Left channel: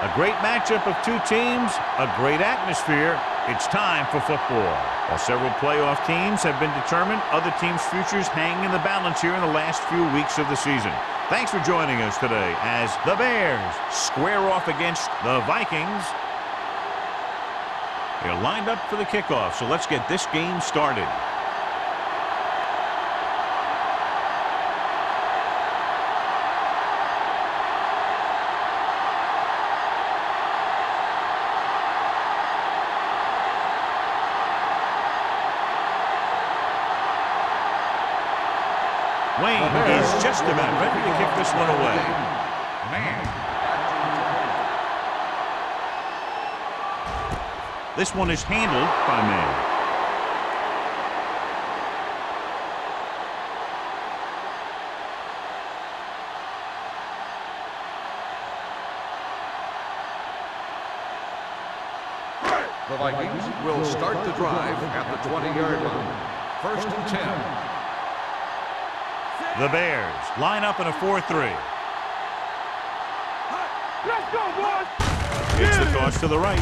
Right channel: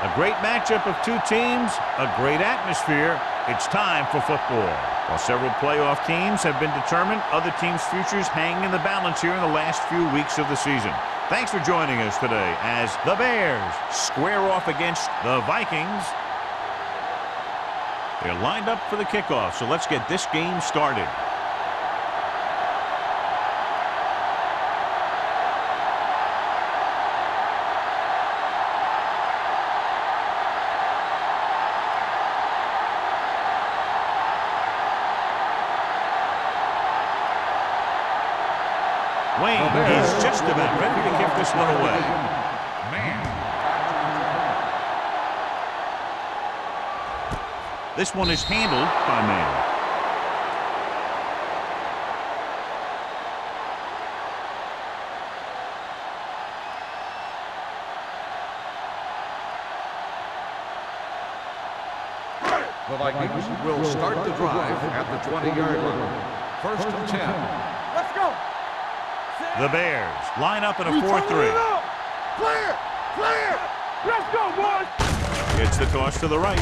A great matchup of two teams, a great atmosphere. It's time for football. While several playoff teams have been determined, other teams' futures hang in the balance here in the last few weeks of the season. Thanks for joining us today as the Bears square off against the Vikings. They're lined up for the kickoff, so let's get this game started. Wayne is just about ready to kick this one away. Man. This one is handled by Man. The Vikings will start the drive at the 20-yard line. 1st and 10. The Bears line up in a 4-3. Clear! Let's go, boys! It's the toss to the right.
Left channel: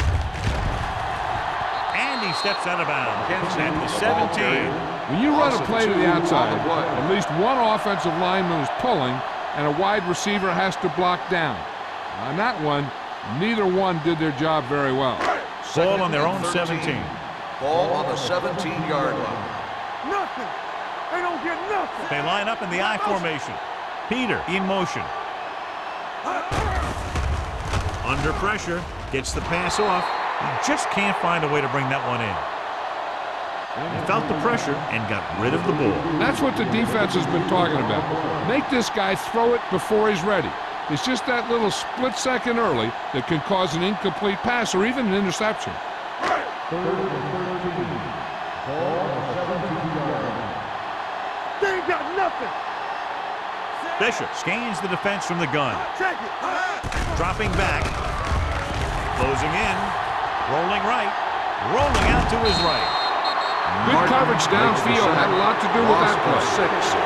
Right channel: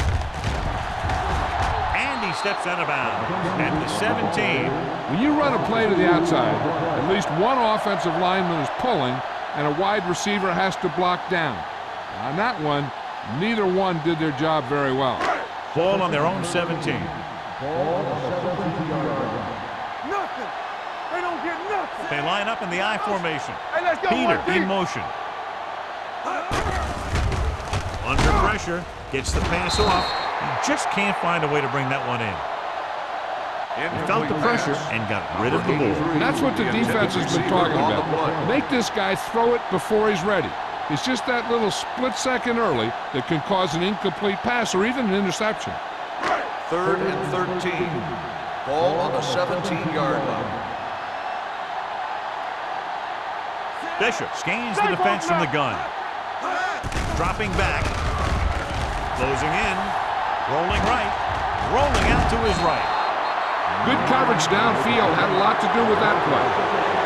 And he steps out of bounds at the 17. When you run a play to the outside, at least one offensive lineman is pulling and a wide receiver has to block down. On that one, neither one did their job very well. Ball on their own 17. Ball on the 17-yard line. Nothing! They don't get nothing! They line up in the I formation. Peter in motion. Under pressure, gets the pass off. He just can't find a way to bring that one in. He felt the pressure and got rid of the ball. And that's what the defense has been talking about. Make this guy throw it before he's ready. It's just that little split second early that can cause an incomplete pass or even an interception. 3rd and 13. Ball on the 17-yard line. They ain't got nothing! Bishop scans the defense from the gun. Dropping back. Closing in. Rolling right. Rolling out to his right. Good coverage downfield had a lot to do with that play.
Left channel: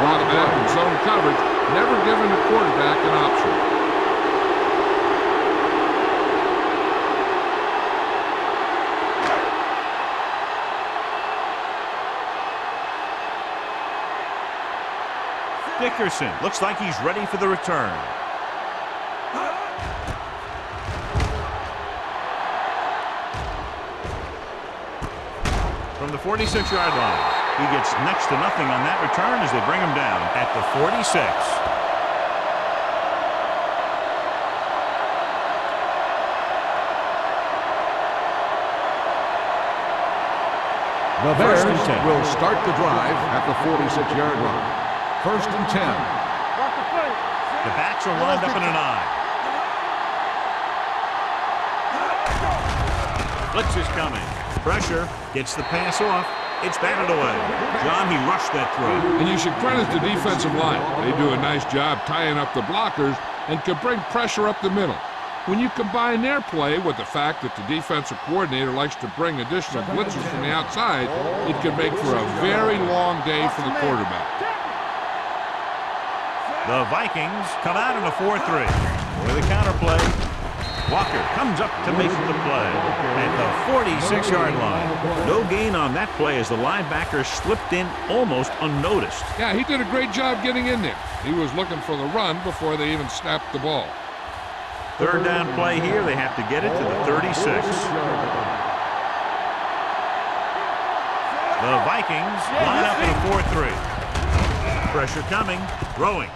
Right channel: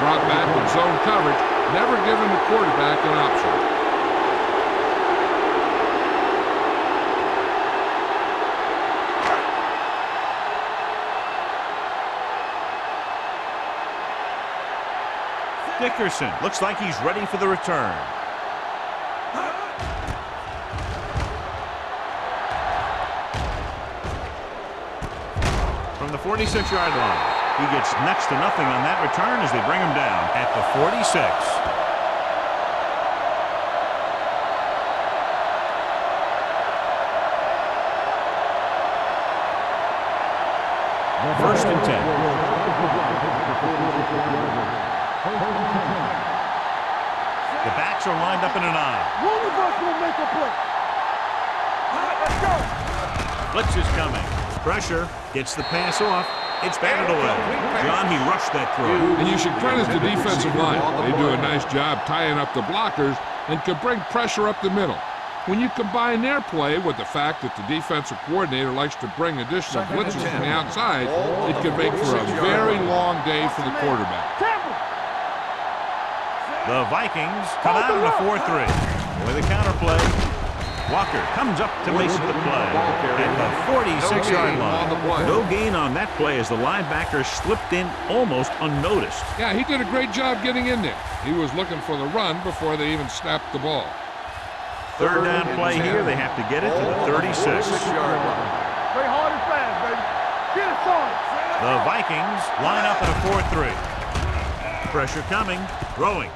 Drop back and zone coverage, never giving the quarterback an option. Dickerson looks like he's ready for the return. From the 46-yard line, he gets next to nothing on that return as they bring him down at the 46. The Bears will start the drive at the 46-yard line. 1st and 10. The backs are lined up in an I. Blitz is coming. Pressure. Gets the pass off. It's batted away. John, he rushed that throw. And you should credit the defensive line. They do a nice job tying up the blockers and can bring pressure up the middle. When you combine their play with the fact that the defensive coordinator likes to bring additional blitzes from the outside, it can make for a very long day for the quarterback. The Vikings come out in a 4-3. With a counter play, Walker comes up to make the play at the 46-yard line. No gain on that play as the linebacker slipped in almost unnoticed. Yeah, he did a great job getting in there. He was looking for the run before they even snapped the ball. 3rd down play here. They have to get it to the 36. The Vikings line up in a 4-3. Pressure coming. Throwing.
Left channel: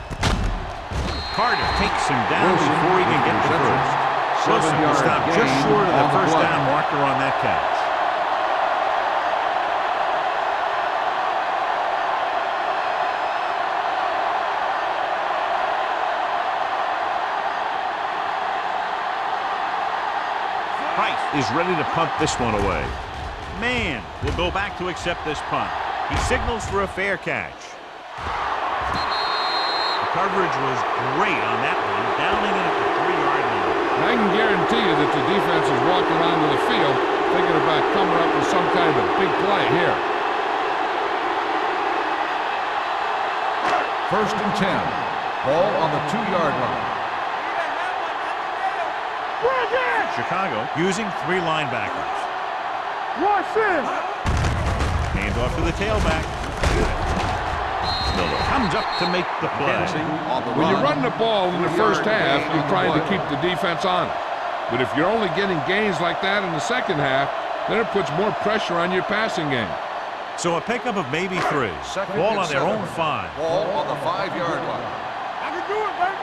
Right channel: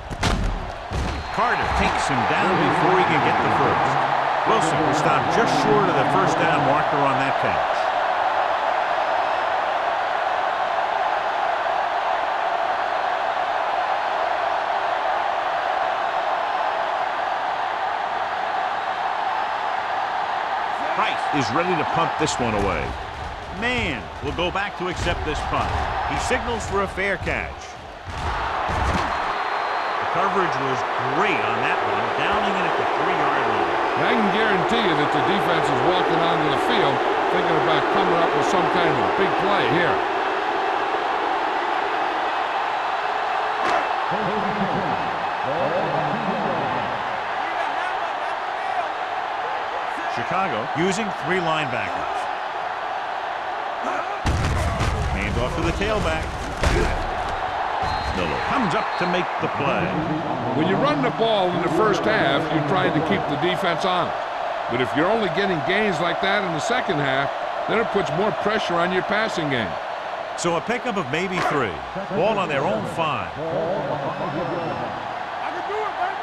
Carter takes him down before he can get the first. Wilson will stop just short of the 1st down marker on that catch. Price is ready to punt this one away. Man will go back to accept this punt. He signals for a fair catch. The coverage was great on that one, downing it at the 3-yard line. I can guarantee you that the defense is walking onto the field thinking about coming up with some kind of big play here. 1st and 10. Ball on the 2-yard line. Chicago using 3 linebackers. Watch in. Hand off to the tailback. Miller comes up to make the play. When you run the ball in the first half, you're trying to keep the defense honest. But if you're only getting gains like that in the second half, then it puts more pressure on your passing game. So a pickup of maybe 3. Ball on their own 5. Ball on the 5-yard line. I can do it, baby.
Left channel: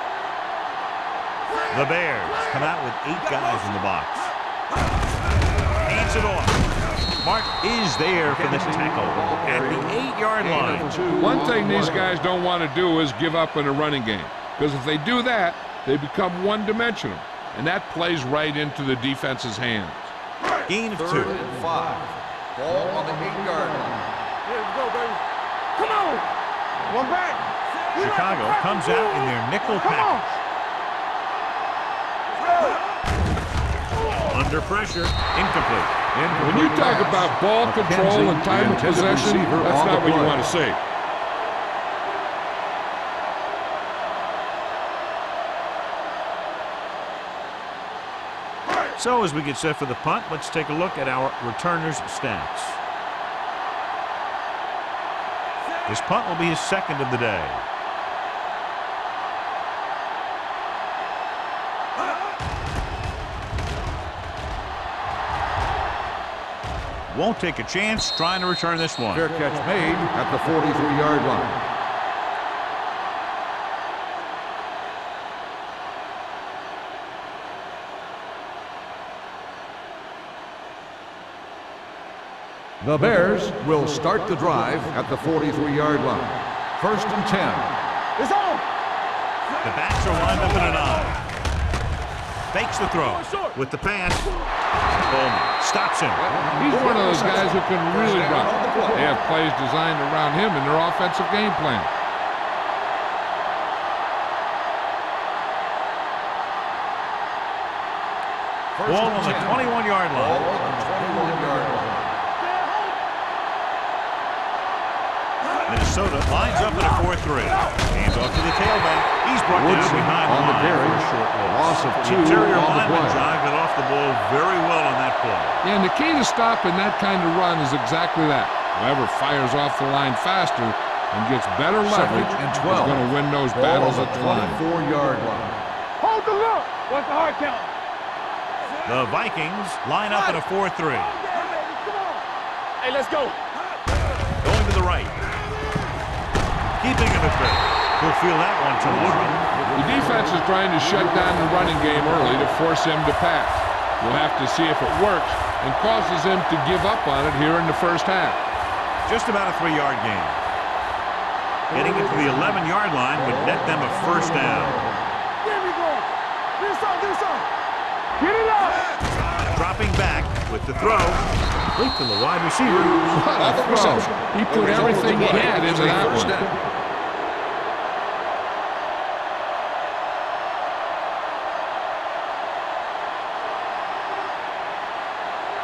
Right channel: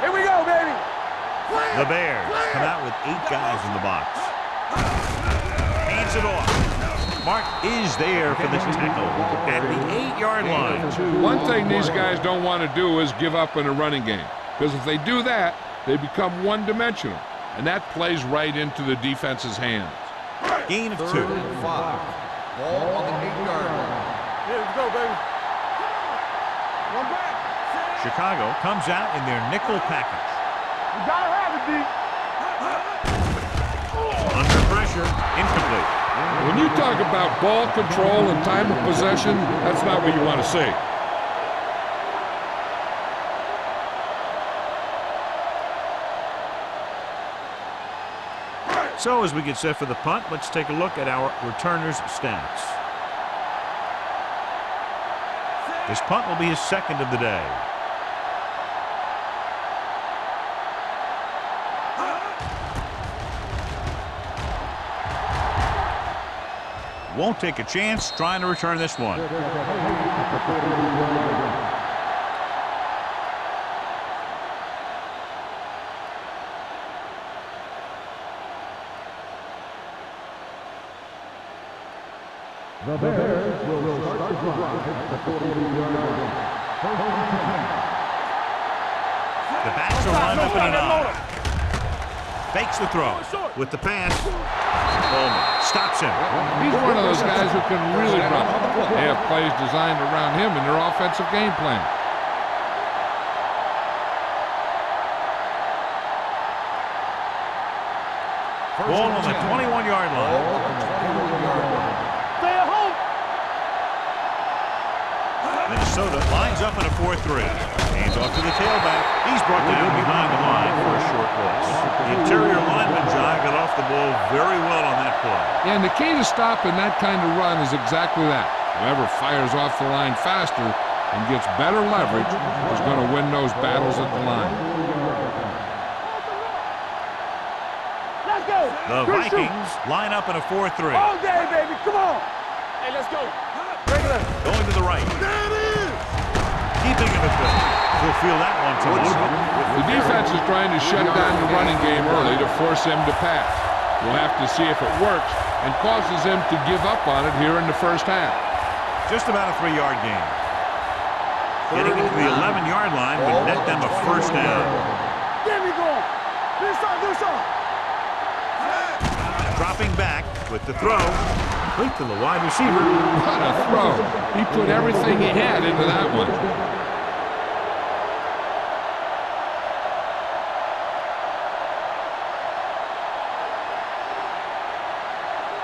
Here we go, baby. The Bears come out with 8 guys in the box. Hands it off. Mark is there for the tackle at the 8-yard line. One thing these guys don't want to do is give up in a running game, because if they do that, they become one-dimensional, and that plays right into the defense's hands. Gain of 2. 3rd and 5. Ball on the 8-yard line. Here we go, baby. Come on. One back. Chicago comes out in their nickel package. You gotta have it, D. Under pressure, incomplete. When you talk about ball control and time of possession, that's not what you want to see. So as we get set for the punt, let's take a look at our returners' stats. This punt will be his 2nd of the day. Won't take a chance trying to return this one. Fair catch made at the 43-yard line. The Bears will start the drive at the 43-yard line. 1st and 10. It's on. The backs are lined up in an eye. Fakes the throw with the pass. Bowman stops him. He's one of those guys who can really run. They have plays designed around him in their offensive game plan. Ball on the 21-yard line. Ball on the 21-yard line. Stay at home. Minnesota lines up in a 4-3. Hands off to the tailback. He's brought down behind the line for a short loss. The interior lineman, John, got off the ball very well on that play. Yeah, and the key to stopping that kind of run is exactly that. Whoever fires off the line faster and gets better leverage is going to win those battles at the line. 4-yard line. Hold the look. What's the hard count? Let's go. The Vikings line up in a 4-3. All day, baby. Come on. Hey, let's go. Going to the right. Keeping him at bay. He'll feel that one tomorrow. The defense is trying to shut down the running game early to force him to pass. We'll have to see if it works and causes him to give up on it here in the first half. Just about a 3-yard gain. Getting into the 11-yard line would net them a 1st down. There we go. Do something. Get it out. Dropping back with the throw. Complete to the wide receiver. What a throw. He put everything he had into that one.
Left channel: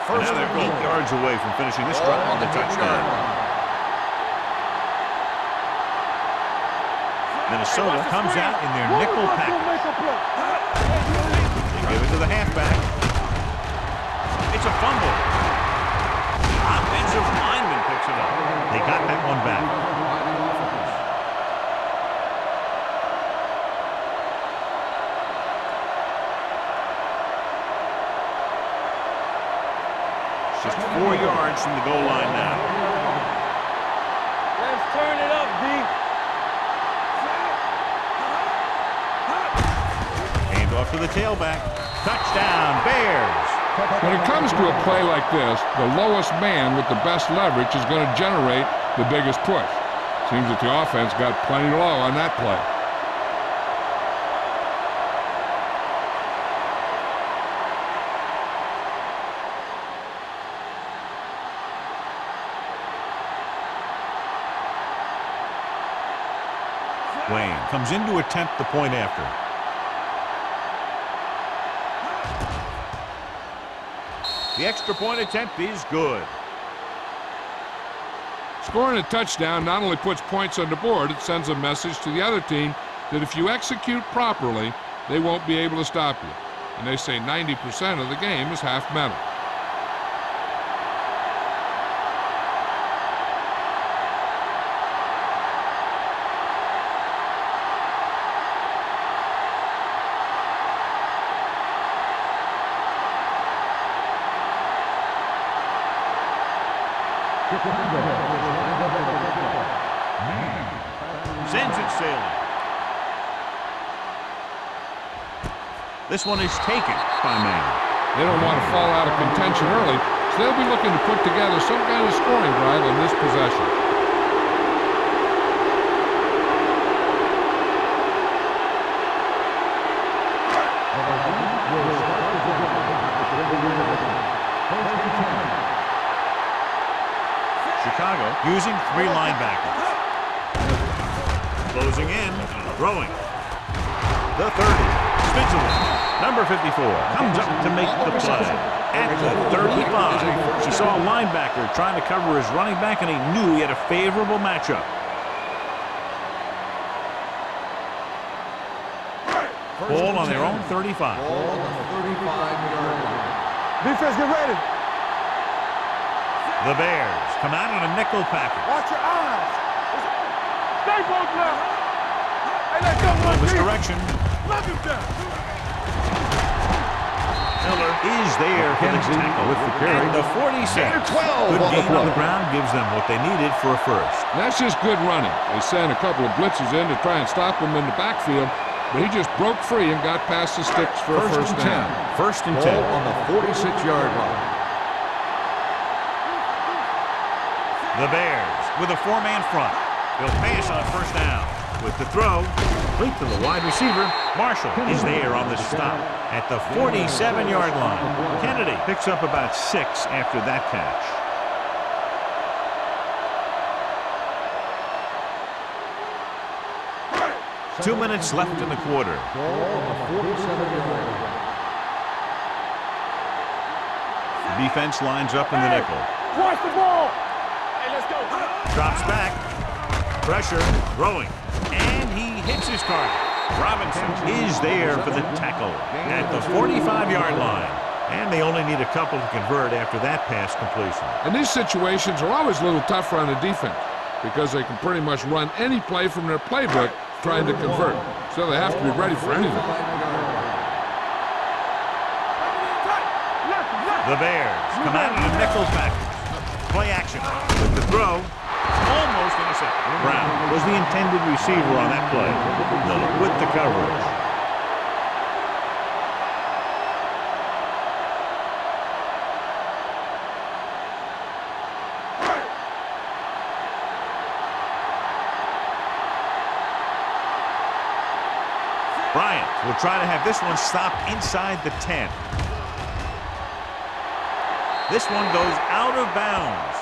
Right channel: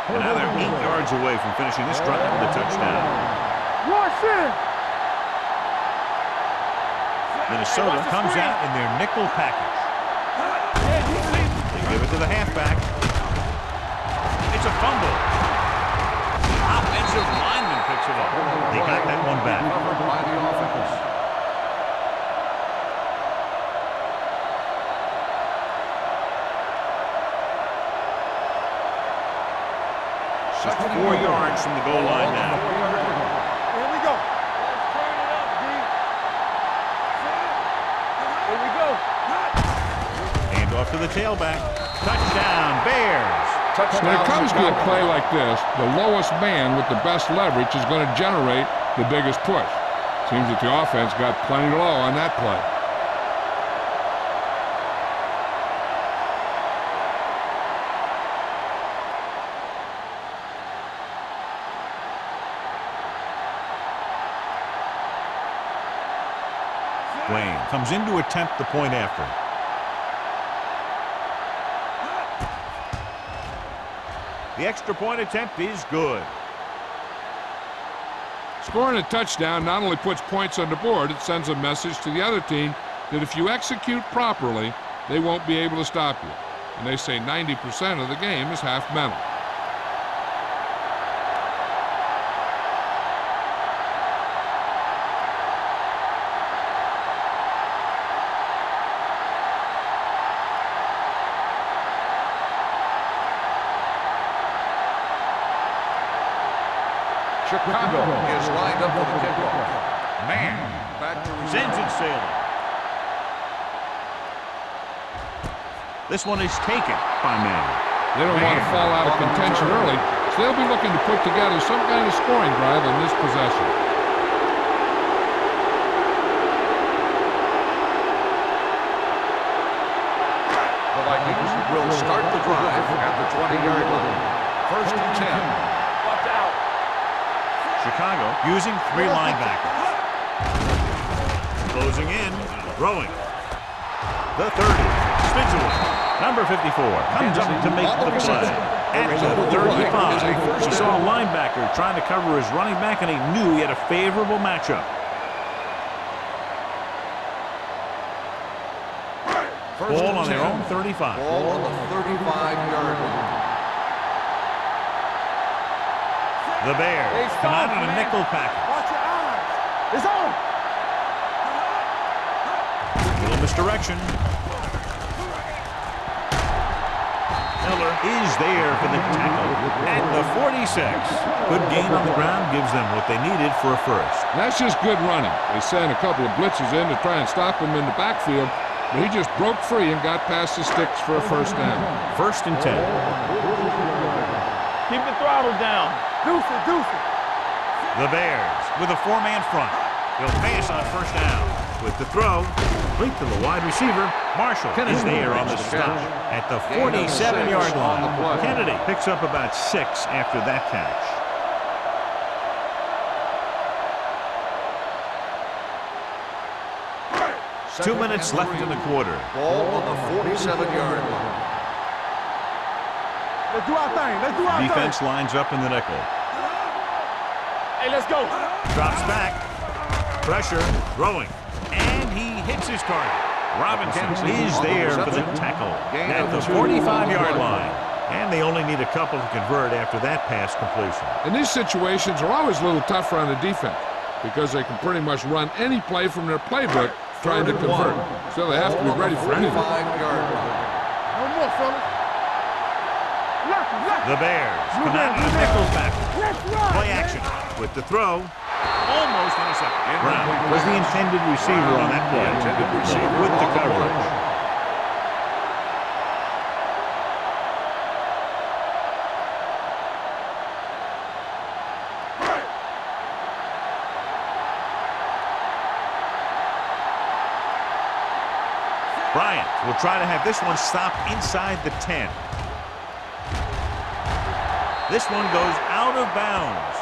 And now they're 8 yards away from finishing this drive with a touchdown. Minnesota comes out in their nickel package. They give it to the halfback. It's a fumble. Offensive lineman picks it up. They got that one back. Covered by the offense. Just 4 yards from the goal line now. 4-yard line. Here we go. Let's turn it up, D. Here we go. Hand off to the tailback. Touchdown, Bears. When it comes to a play like this, the lowest man with the best leverage is going to generate the biggest push. Seems that the offense got plenty low on that play. Wayne comes in to attempt the point after. The extra point attempt is good. Scoring a touchdown not only puts points on the board, it sends a message to the other team that if you execute properly, they won't be able to stop you. And they say 90% of the game is half mental. Chicago is lined up for the kickoff. Man. Sends it sailing. This one is taken by Man. They don't want to fall out of contention early, so they'll be looking to put together some kind of scoring drive on this possession. The Vikings will start the drive at the 20-yard line. First and 10. Chicago using 3 linebackers. Closing in, throwing. The 30, spins away. Number 54 comes up to make the play. At the 35, he saw a linebacker trying to cover his running back, and he knew he had a favorable matchup. Ball on their own 35. Ball on the 35-yard line. Defense, get ready. The Bears come out in a nickel package. Watch your eyes. It's on. Stay close now. Little misdirection. Miller is there for the tackle at the 46. Good gain on the ground gives them what they needed for a first. And that's just good running. They sent a couple of blitzes in to try and stop him in the backfield, but he just broke free and got past the sticks for a first down. First and 10. Ball on the 46-yard line. Keep the throttle down. Deuce it. The Bears with a 4-man front. They'll pass on first down. With the throw, complete to the wide receiver. Marshall is there on the stop at the 47-yard line. Kennedy picks up about 6 after that catch. Two minutes left in the quarter. Ball on the 47-yard line. Let's do our thing. Let's do our thing. Defense lines up in the nickel. Watch the ball. Hey, let's go. Drops back. Pressure. Throwing. And he hits his target. Robinson is there for the tackle at the 45-yard line. And they only need a couple to convert after that pass completion. And these situations are always a little tougher on the defense because they can pretty much run any play from their playbook trying to convert. So they have to be ready for anything. 45-yard line. The Bears come out in a nickel package. Play action with the throw. Almost intercepted. Brown was the intended receiver on that play. Miller with the coverage. Bryant will try to have this one stopped inside the 10. This one goes out of bounds.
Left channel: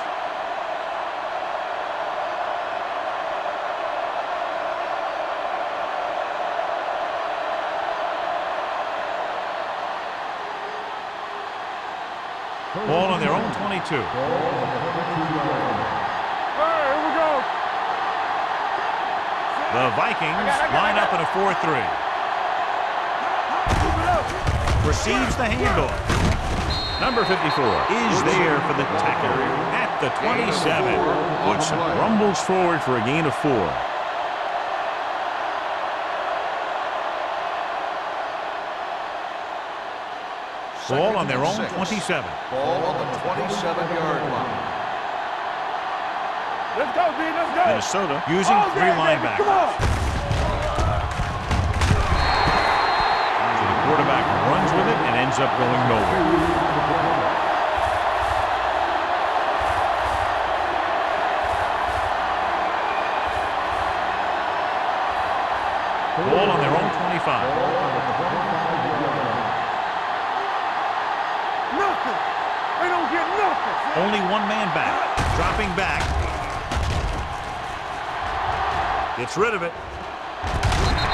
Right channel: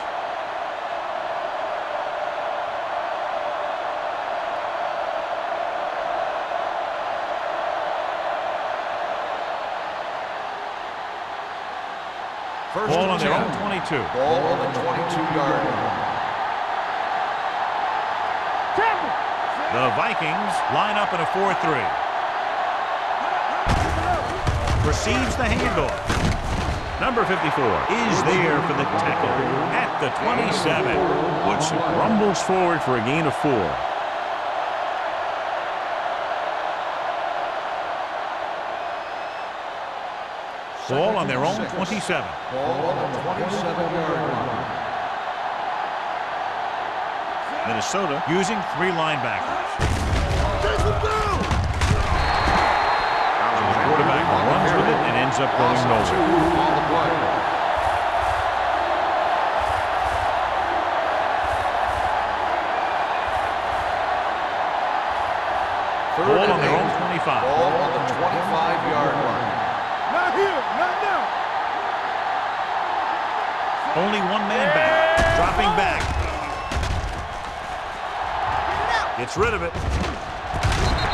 Ball on their own 22. Ball on the 22-yard line. Here we go. The Vikings line up in a 4-3. Receives the handoff. Number 54 is there for the tackle at the 27. Woodson rumbles forward for a gain of 4. Ball on their own 27. Ball on the 27-yard line. Let's go, D. Let's go. Minnesota using 3 linebackers. So the quarterback runs with it and ends up going nowhere. Ball on their own 25. Ball on the 25-yard line. Not here. Not there. Nothing. They don't get nothing. Only one man back. Dropping back. Gets rid of it.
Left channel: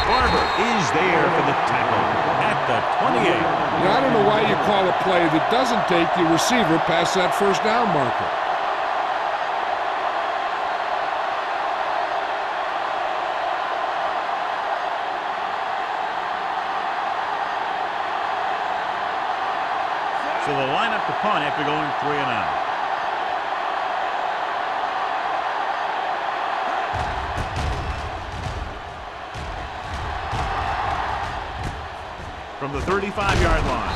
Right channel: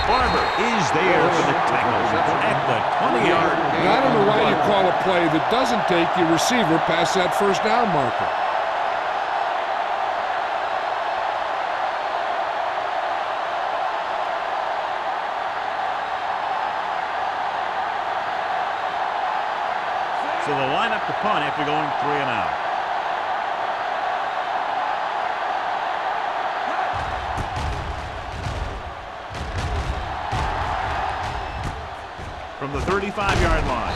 Barber is there for the tackle at the 28. And I don't know why you call a play that doesn't take your receiver past that first down marker. So they'll line up to punt after going 3 and out. From the 35-yard line.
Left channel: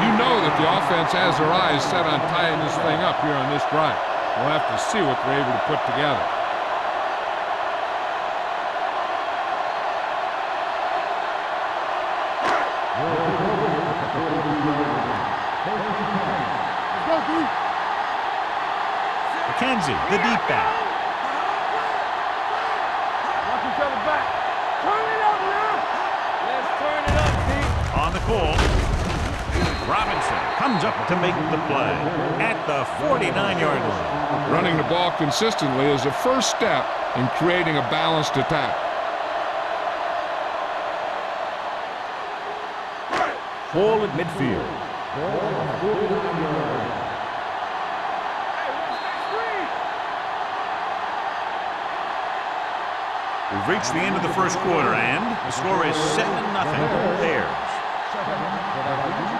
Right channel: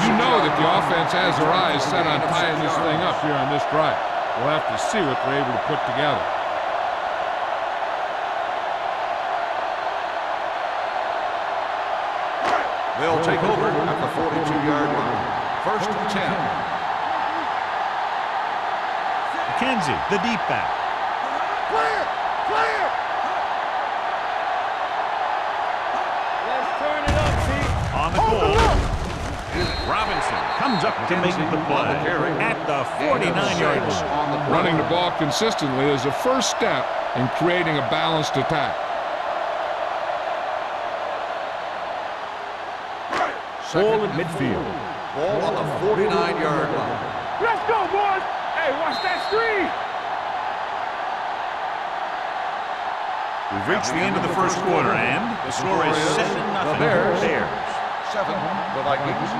You know that the offense has their eyes set on tying this thing up here on this drive. We'll have to see what they're able to put together. They'll take over at the 42-yard line. First and 10. McKenzie, the deep back. Clear! Clear! Watch each other back. Turn it up now! Let's turn it up, T. On the call. Robinson comes up to make the play at the 49-yard line. Running the ball consistently is the first step in creating a balanced attack. Ball at midfield. Ball on the 49-yard line. Let's go, boys! Hey, watch that screen! We've reached the end of the first quarter, and the score is 7-0 Bears. 7, the Vikings.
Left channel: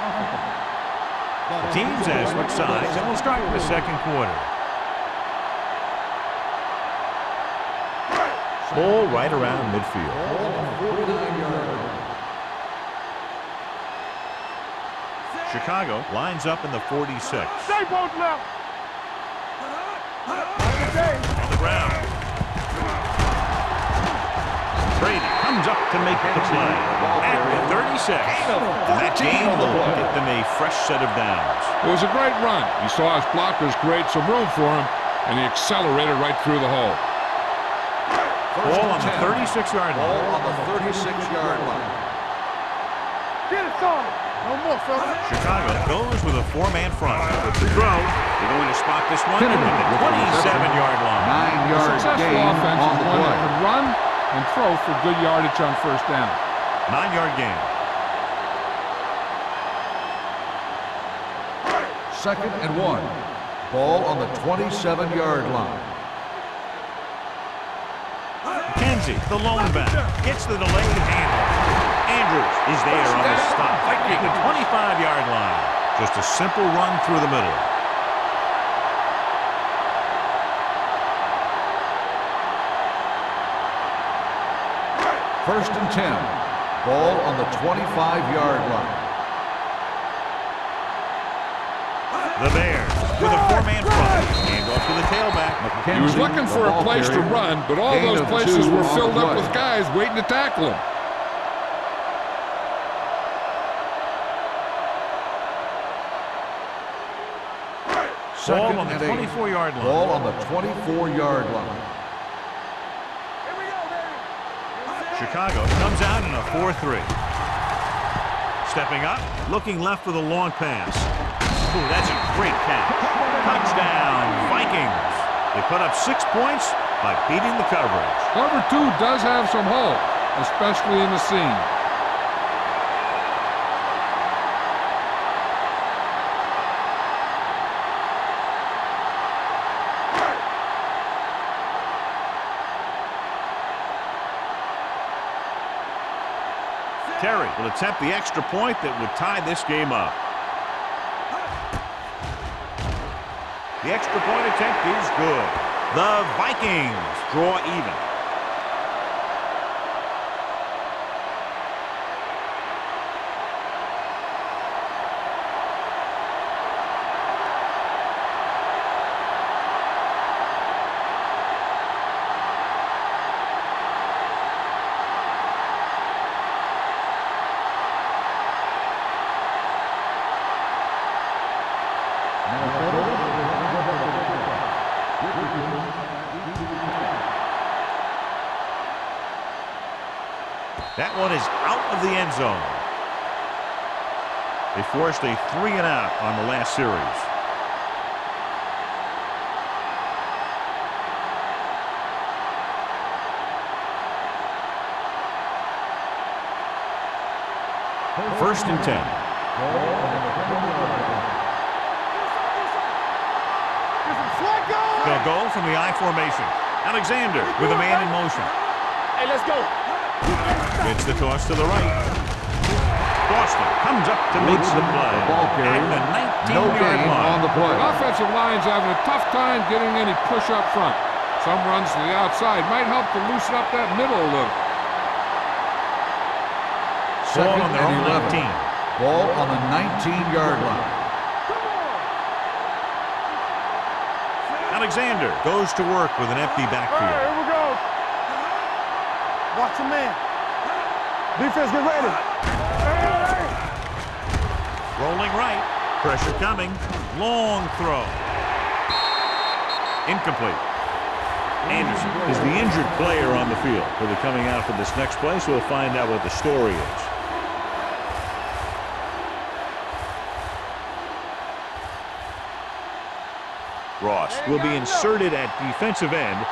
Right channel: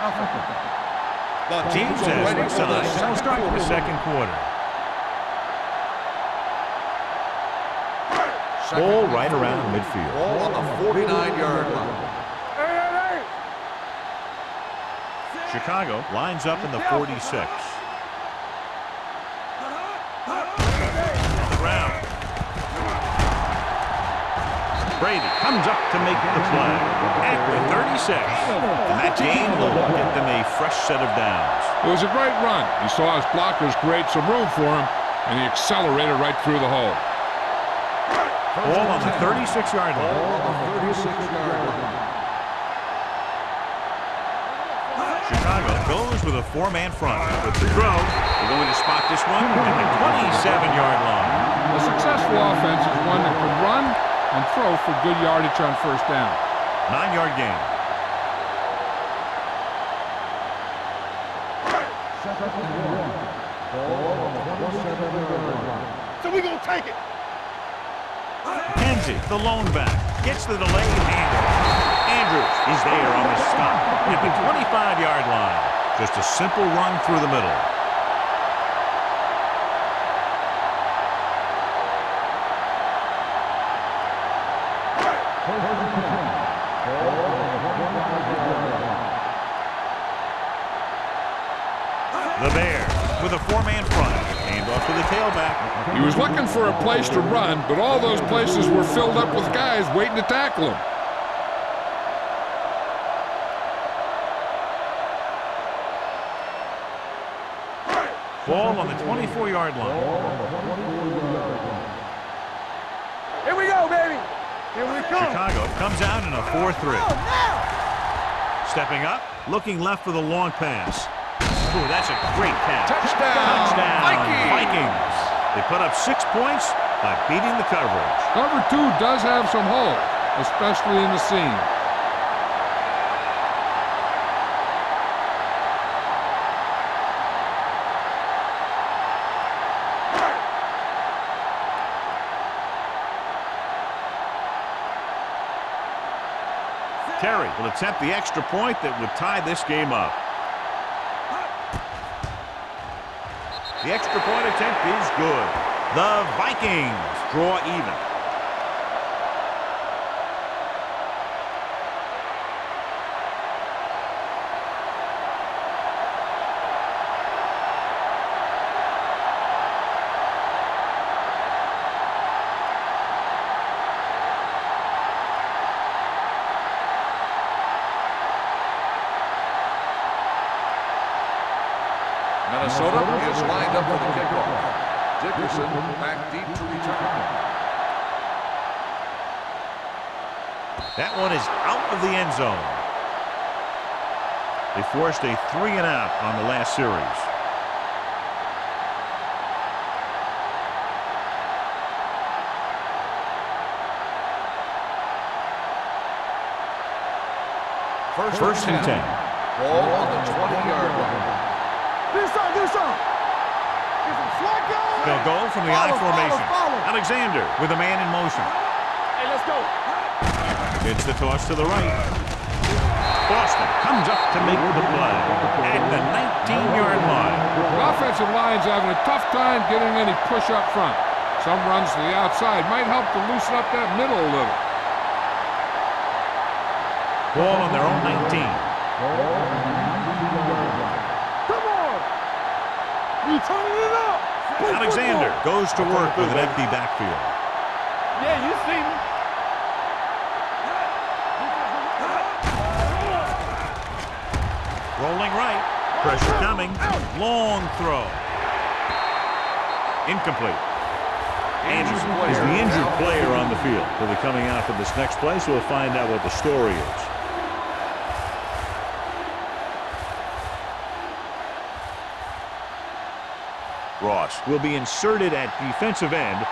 Nothing. The teams have switched sides, and we'll start the second quarter. Ball right around midfield. Ball on the 49-yard line. Chicago lines up in the 46. Stay both now! On the ground. Brady comes up to make the play at the 36. And that gain will get them a fresh set of downs. It was a great run. He saw his blockers create some room for him, and he accelerated right through the hole. Ball on the 36-yard Ball line. on the 36-yard line. Get it started! No more, son. Chicago goes with a 4-man front. With the throw, they're going to spot this one at the 27-yard line. A successful offense is one that can run and throw for good yardage on first down. 9-yard gain. Second and 1. Ball on the 27-yard line. So we gonna take it! McKenzie, the lone back, gets the delayed handoff. Andrews is there on the stop at the 25-yard line. Just a simple run through the middle. First and 10. Ball on the 25-yard line. The Bears with a 4-man front. Handoff to the tailback. He was looking for a place to run, but all those places were filled up with guys waiting to tackle him. Ball on the 24-yard line. Ball on the 24-yard line. Here we go, baby! Here we go. Chicago comes out in a 4-3. Stepping up, looking left for the long pass. Ooh, that's a great catch. Touchdown, Vikings. They put up 6 points by beating the coverage. Cover 2 does have some holes, especially in the seam. Terry will attempt the extra point that would tie this game up. The extra point attempt is good. The Vikings draw even. Minnesota is lined up for the kickoff. Dickerson back deep to return. That one is out of the end zone. They forced a 3-and-out on the last series. First and 10. Ball on the 20-yard line. They'll go from the I formation. Alexander with a man in motion. Hey, let's go. Gets the toss to the right. Boston comes up to make the play at the 19-yard line. The offensive line's having a tough time getting any push up front. Some runs to the outside might help to loosen up that middle a little. Ball on their own 19. Ball on the 19-yard line. Come on! You turning it up! Alexander goes to work with an empty backfield. Here we go. Yeah, you see me. Watch your man. Defense, get ready. Rolling right. Pressure coming. Long throw. Incomplete. Anderson is the injured player on the field. He'll be coming out for this next play, so we'll find out what the story is. Ross will be inserted at defensive end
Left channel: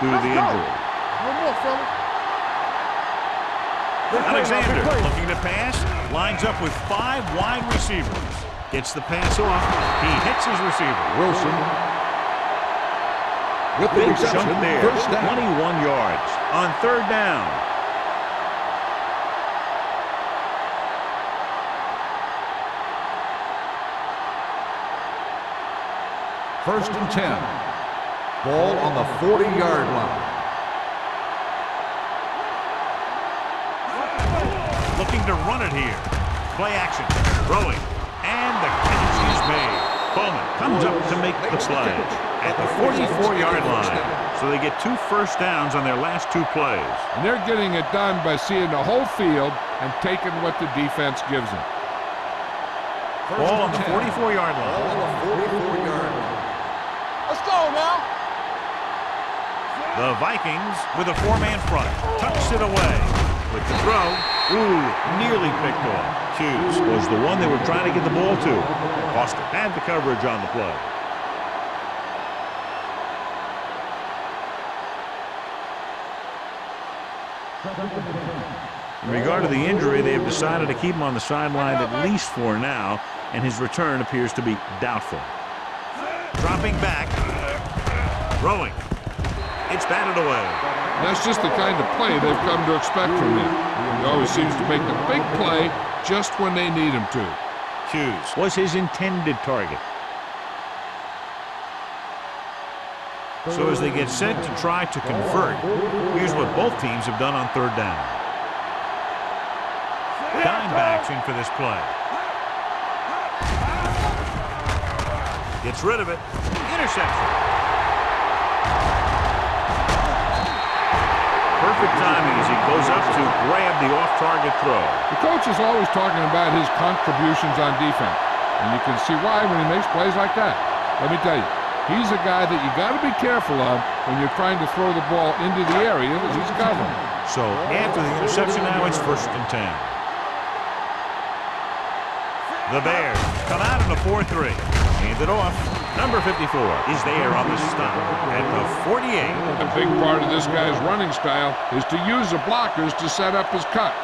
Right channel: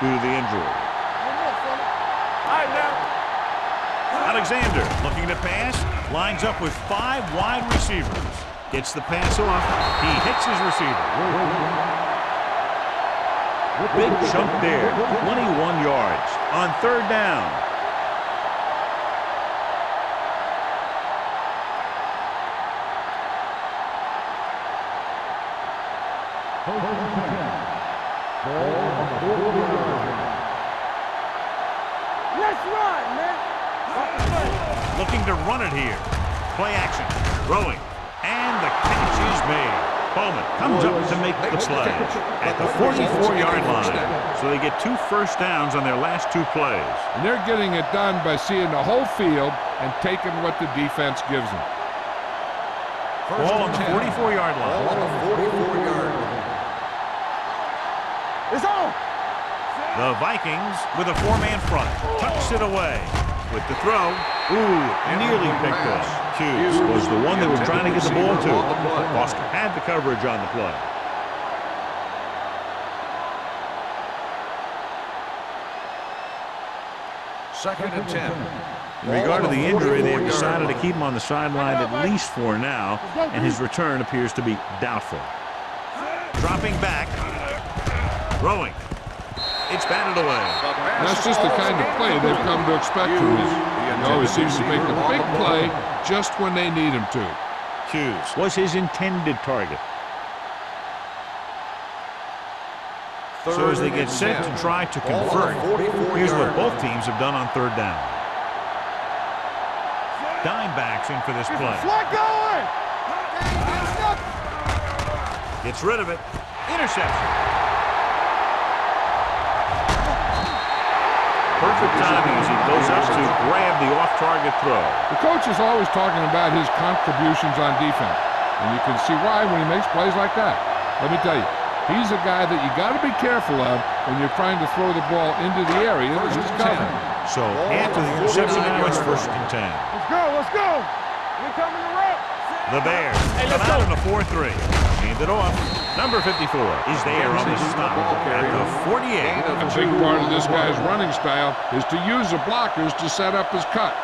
due to the injury. One more, fella. All right, now. Alexander looking to pass, lines up with 5 wide receivers. Gets the pass off. He hits his receiver. Wilson. With the Big reception, chunk there, first down. 21 yards on third down. First and 10. Ball on the 40-yard line. Let's run, man. Looking to run it here. Play action, throwing, and the catch is made. Bowman comes up to make the play at the 44-yard line. So they get 2 first downs on their last 2 plays. And they're getting it done by seeing the whole field and taking what the defense gives them. First Ball on and the 10. 44-yard Ball line. on the 44-yard line. Let's go now. It's on. The Vikings with a 4-man front. Tucks it away. With the throw. Ooh, nearly picked off. Hughes was the one they were trying to get the ball to. Foster had the coverage on the play. Second and 10. In regard to the injury, they have decided to keep him on the sideline at least for now, and his return appears to be doubtful. Dropping back. Throwing. It's batted away. And that's just the kind of play they've come to expect from him. He always seems to make the big play just when they need him to. Hughes was his intended target. So as they get set to try to convert, here's what both teams have done on third down. Dime backs in for this play. Gets rid of it. Interception. Perfect timing as he goes up to grab the off-target throw. The coach is always talking about his contributions on defense, and you can see why when he makes plays like that. Let me tell you, he's a guy that you got to be careful of when you're trying to throw the ball into the area that he's covering. So after the interception now, it's first and 10. Let's go. Here coming the rep. The Bears come out in a 4-3. Hand it off. Number 54 is there on the stop at the 48. A big part of this guy's running style is to use the blockers to set up his cut,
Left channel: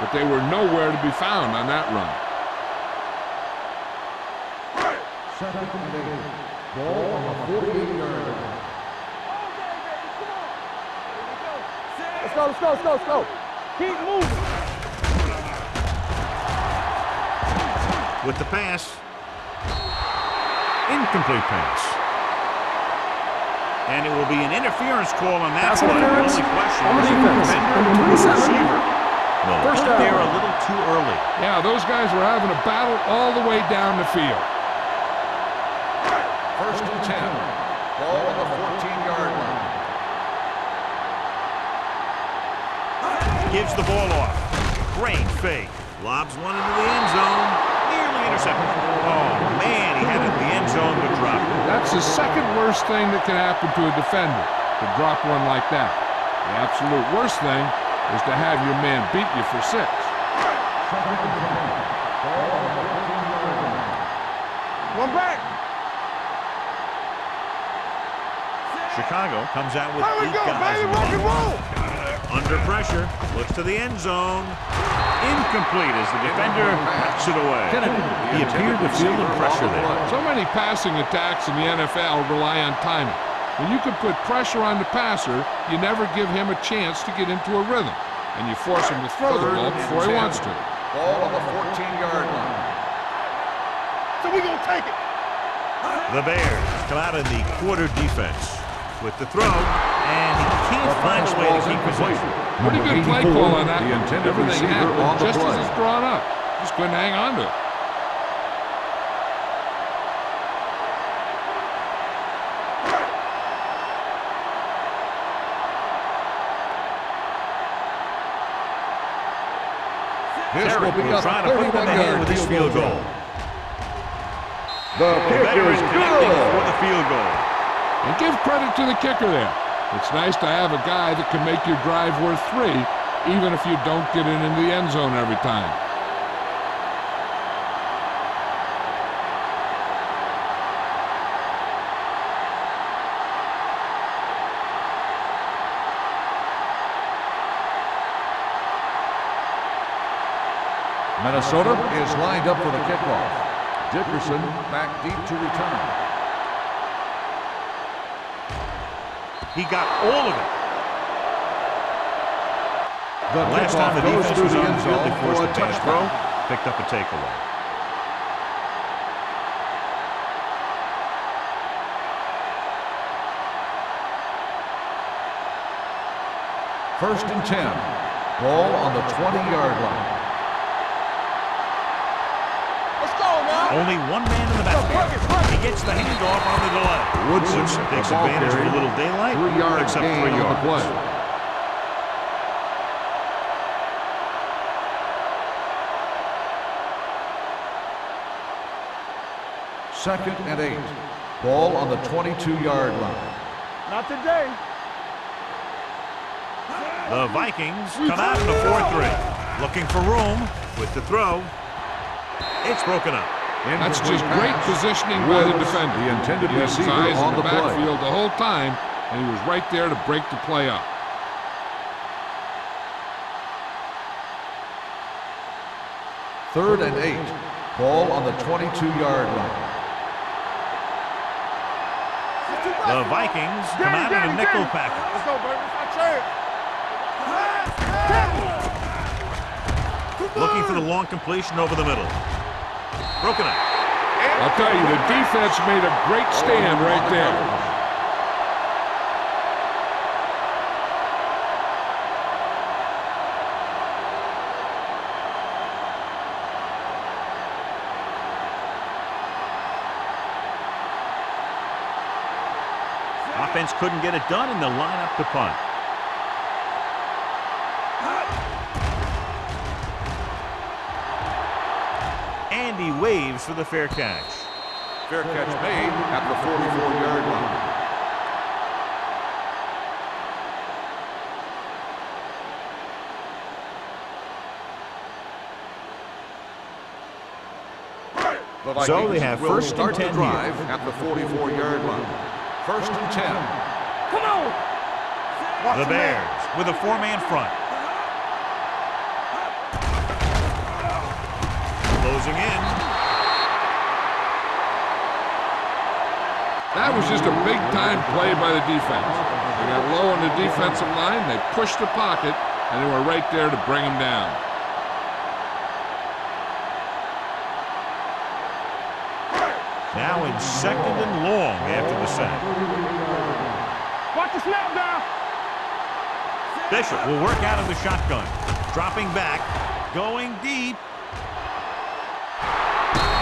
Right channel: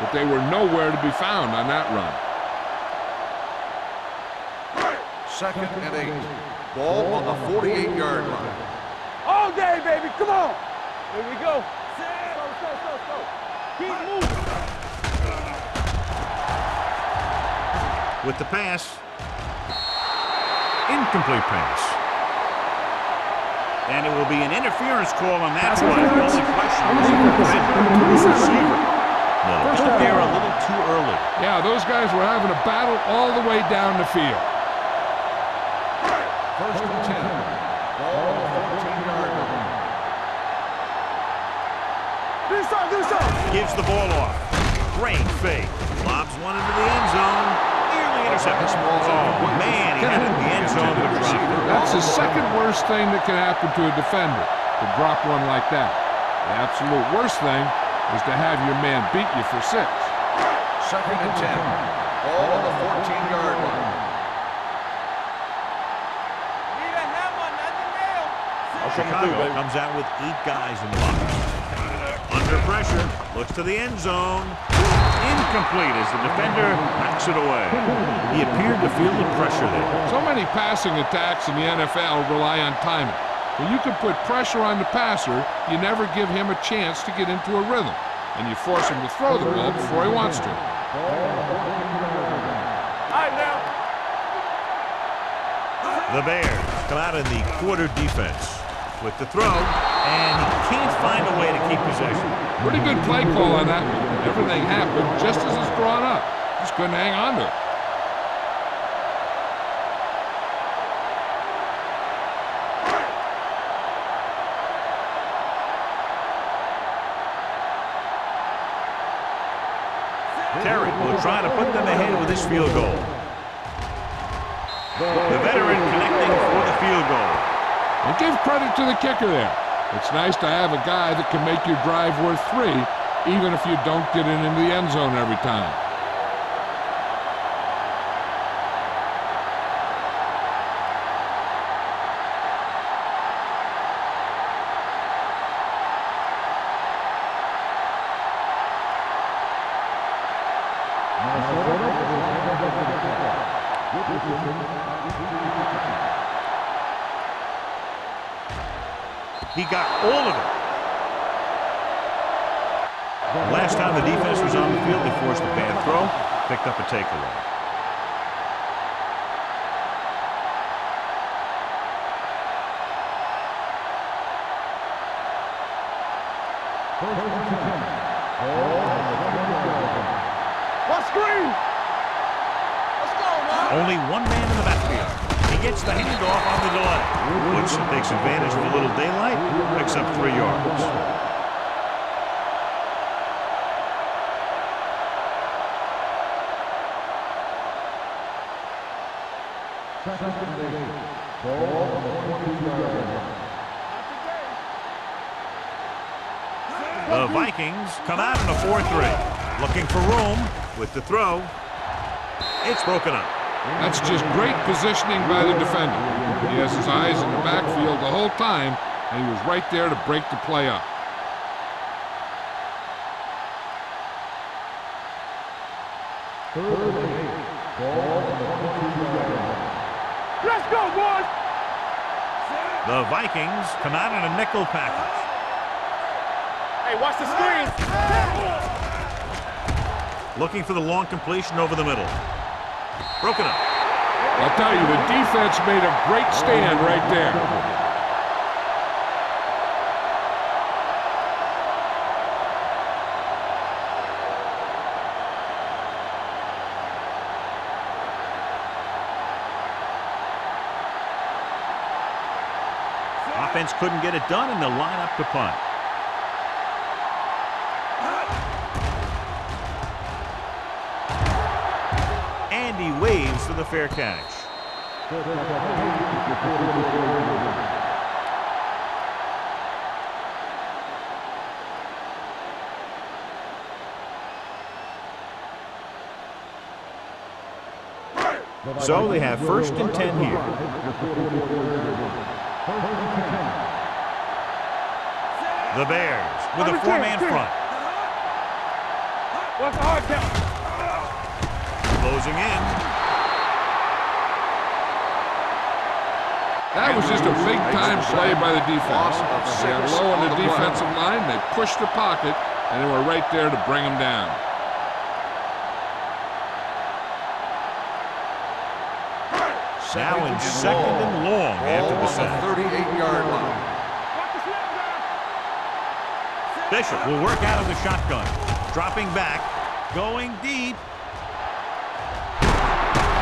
but they were nowhere to be found on that run. Second and 8. Ball on the 48-yard line. All day, baby. Come on. Here we go. Let's go, let's go, let's go, let's go. Keep moving. With the pass. Incomplete pass. And it will be an interference call on that play. The only question is the defender or the receiver. No, they got there a little too early. Yeah, those guys were having a battle all the way down the field. First and 10. Ball on the 14-yard line. Gives the ball off. Great fake. Lobs one into the end zone. Nearly intercepted. Oh, man, he had it in the end zone but dropped it. That's the second worst thing that can happen to a defender, to drop one like that. The absolute worst thing is to have your man beat you for 6. Second and 10. Ball on the 14-yard line. One back. Chicago comes out with 8 guys in the box. Under pressure, looks to the end zone. Incomplete as the defender backs it away. He appeared to feel the pressure there. So many passing attacks in the NFL rely on timing. When you can put pressure on the passer, you never give him a chance to get into a rhythm, and you force him to throw the ball before he wants to. Ball on the 14-yard line. All right, now. So we going to take it. The Bears come out in the quarter defense with the throw, and he can't find a way to keep possession. Pretty good play call on that one. Everything happened just as it's drawn up. Just couldn't hang on to it. Terry will try to put them ahead with this field goal. The veteran connecting for the field goal. And give credit to the kicker there. It's nice to have a guy that can make your drive worth 3, even if you don't get it into the end zone every time. Minnesota is lined up for the kickoff. Dickerson back deep to return. He got all of it. The last time the defense was on the field, they forced a bad throw, picked up a takeaway. First and 10. Ball on the 20-yard line. What screen? Let's go now. Only one man in the backfield. He gets the handoff on the delay. Woodson takes advantage of a little daylight, picks up 3 yards. Second and 8. Ball on the 22-yard line. Not today. The Vikings come out in a 4-3. Looking for room with the throw. It's broken up. That's just great positioning by the defender. He has his eyes in the backfield the whole time, and he was right there to break the play up. Third and 8. Ball on the 22-yard line. Let's go, boys. The Vikings come out in a nickel package. Let's go, baby. Hey, watch the screen. Looking for the long completion over the middle. Broken up. I'll tell you, the defense made a great stand right there. Offense couldn't get it done, and they'll line up to punt. And he waves for the fair catch. Fair catch made at the 44-yard line. So they have first and 10 here. At the 44-yard line. First and 10. Come on. The Bears with a four-man front. What's the hard count? Closing in. That was just a big-time play by the defense. They got low on the defensive line, they pushed the pocket, and they were right there to bring them down. Now in second and long after the sack. 38-yard line. Watch the snap down. Bishop will work out of the shotgun. Dropping back. Going deep.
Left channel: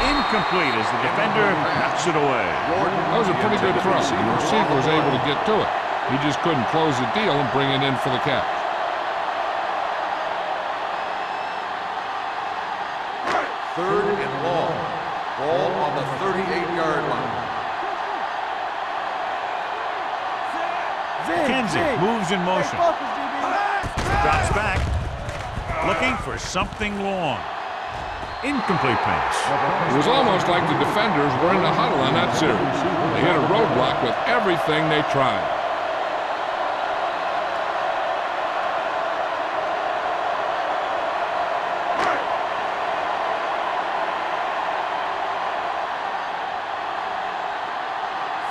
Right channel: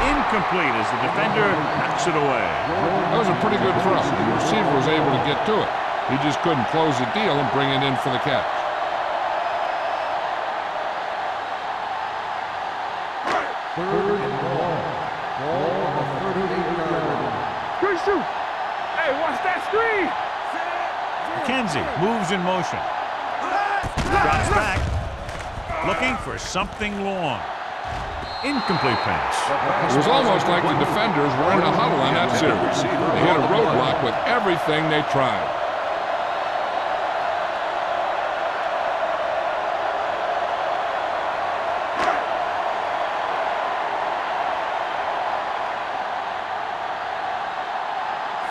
Incomplete as the defender knocks it away. That was a pretty good throw. The receiver was able to get to it. He just couldn't close the deal and bring it in for the catch. Third and long. Ball on the 38-yard line. Quick shoot. Hey, watch that screen. Kenzie moves in motion. Drops back. Looking for something long. Incomplete pass. It was almost like the defenders were in a huddle on that series. They hit a roadblock with everything they tried.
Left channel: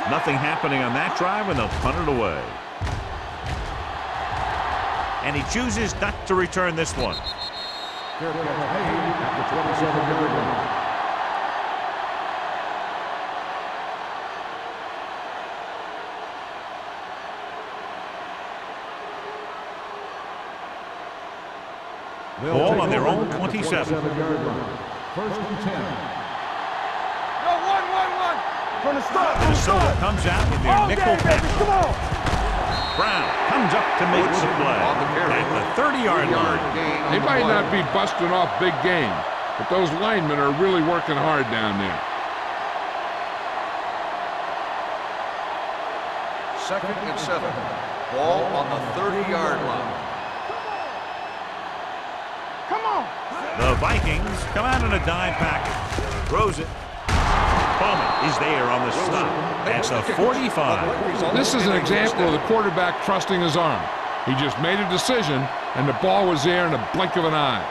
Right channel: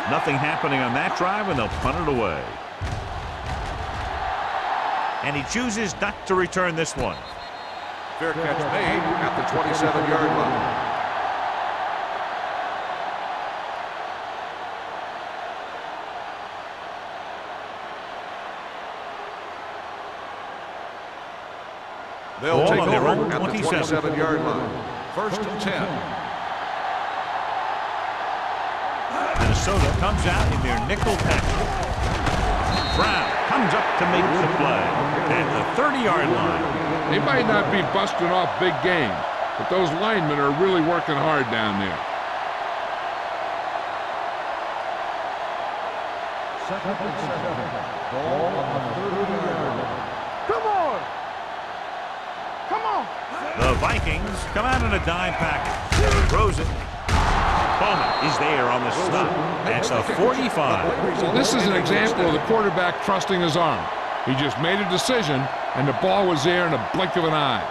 Nothing happening on that drive, and they'll punt it away. And he chooses not to return this one. Fair catch made at the 27-yard line. Ball on their own 27. 27-yard line. First and 10. Minnesota comes out in their nickel package. Brown comes up to make the play at the 30-yard line. They might not be busting off big games, but those linemen are really working hard down there. Second and 7. Ball on the 30-yard line. Come on! The Vikings come out in a dime package. Throws it. Bowman is there on the stop at the 45. This is an example of the quarterback trusting his arm. He just made a decision, and the ball was there in a blink of an eye.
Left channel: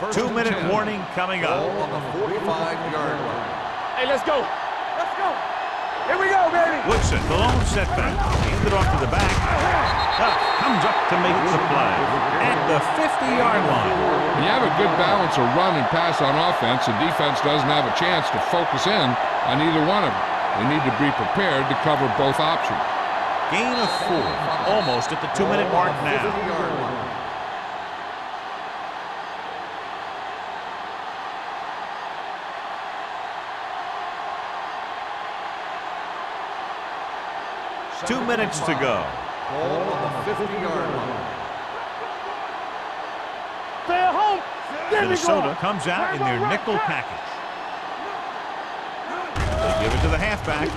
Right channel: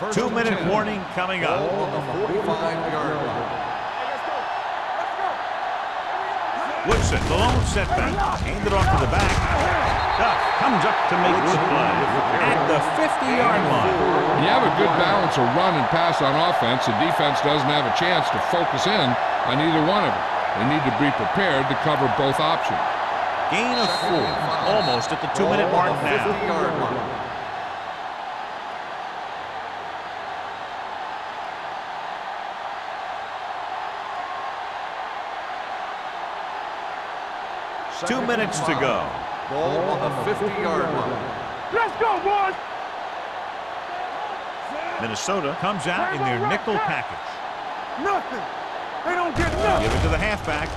2-minute warning coming up. Ball on the 45-yard line. Hey, let's go! Let's go! Here we go, baby! Woodson, the lone setback. Handed off to the back. Duff comes up to make the play at the 50-yard line. When you have a good balance of run and pass on offense, the defense doesn't have a chance to focus in on either one of them. They need to be prepared to cover both options. Gain of 4, almost at the 2-minute mark now. 50-yard line. Two minutes to go. Ball on the 50-yard line. Let's go, boys! Stay at home! Minnesota comes out in their nickel package. They give it to the halfback.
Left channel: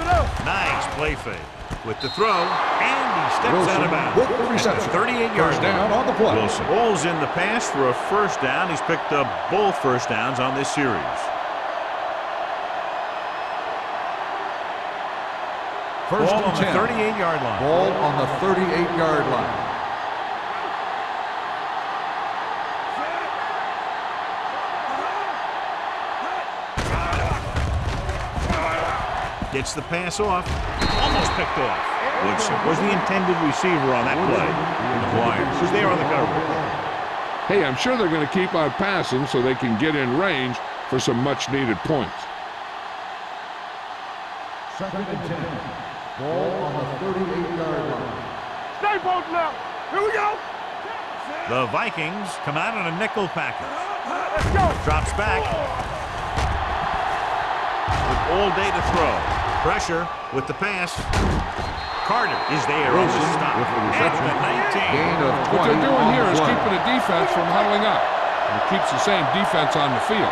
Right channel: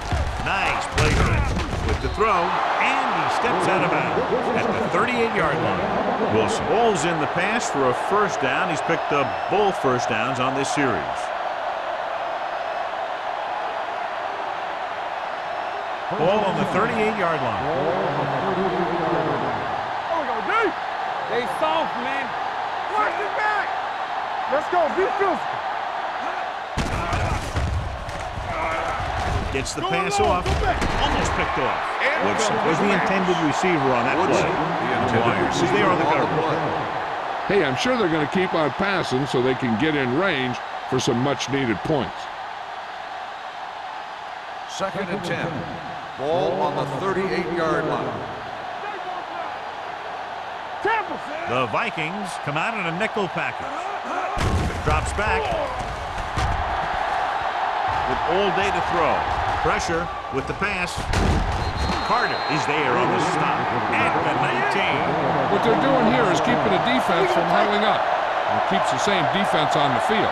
Nice play fake with the throw, and he steps out of bounds at the 38-yard line. Wilson bowls in the pass for a first down. He's picked up both first downs on this series. Ball on the 38-yard line. Ball on the 38-yard line. Stay soft, man. Let's go, Gets the pass off. Almost picked off. Woodson was the intended receiver on that play. McGuire was there on the coverage. Hey, I'm sure they're going to keep on passing so they can get in range for some much-needed points. Second and 10. Ball on the 38-yard line. Stay both now. Here we go. Tampa. The Vikings come out in a nickel package. Drops back. With all day to throw. Pressure with the pass. Carter is there on the stop at the 19. What they're doing here is keeping the defense from huddling up. And it keeps the same defense on the field.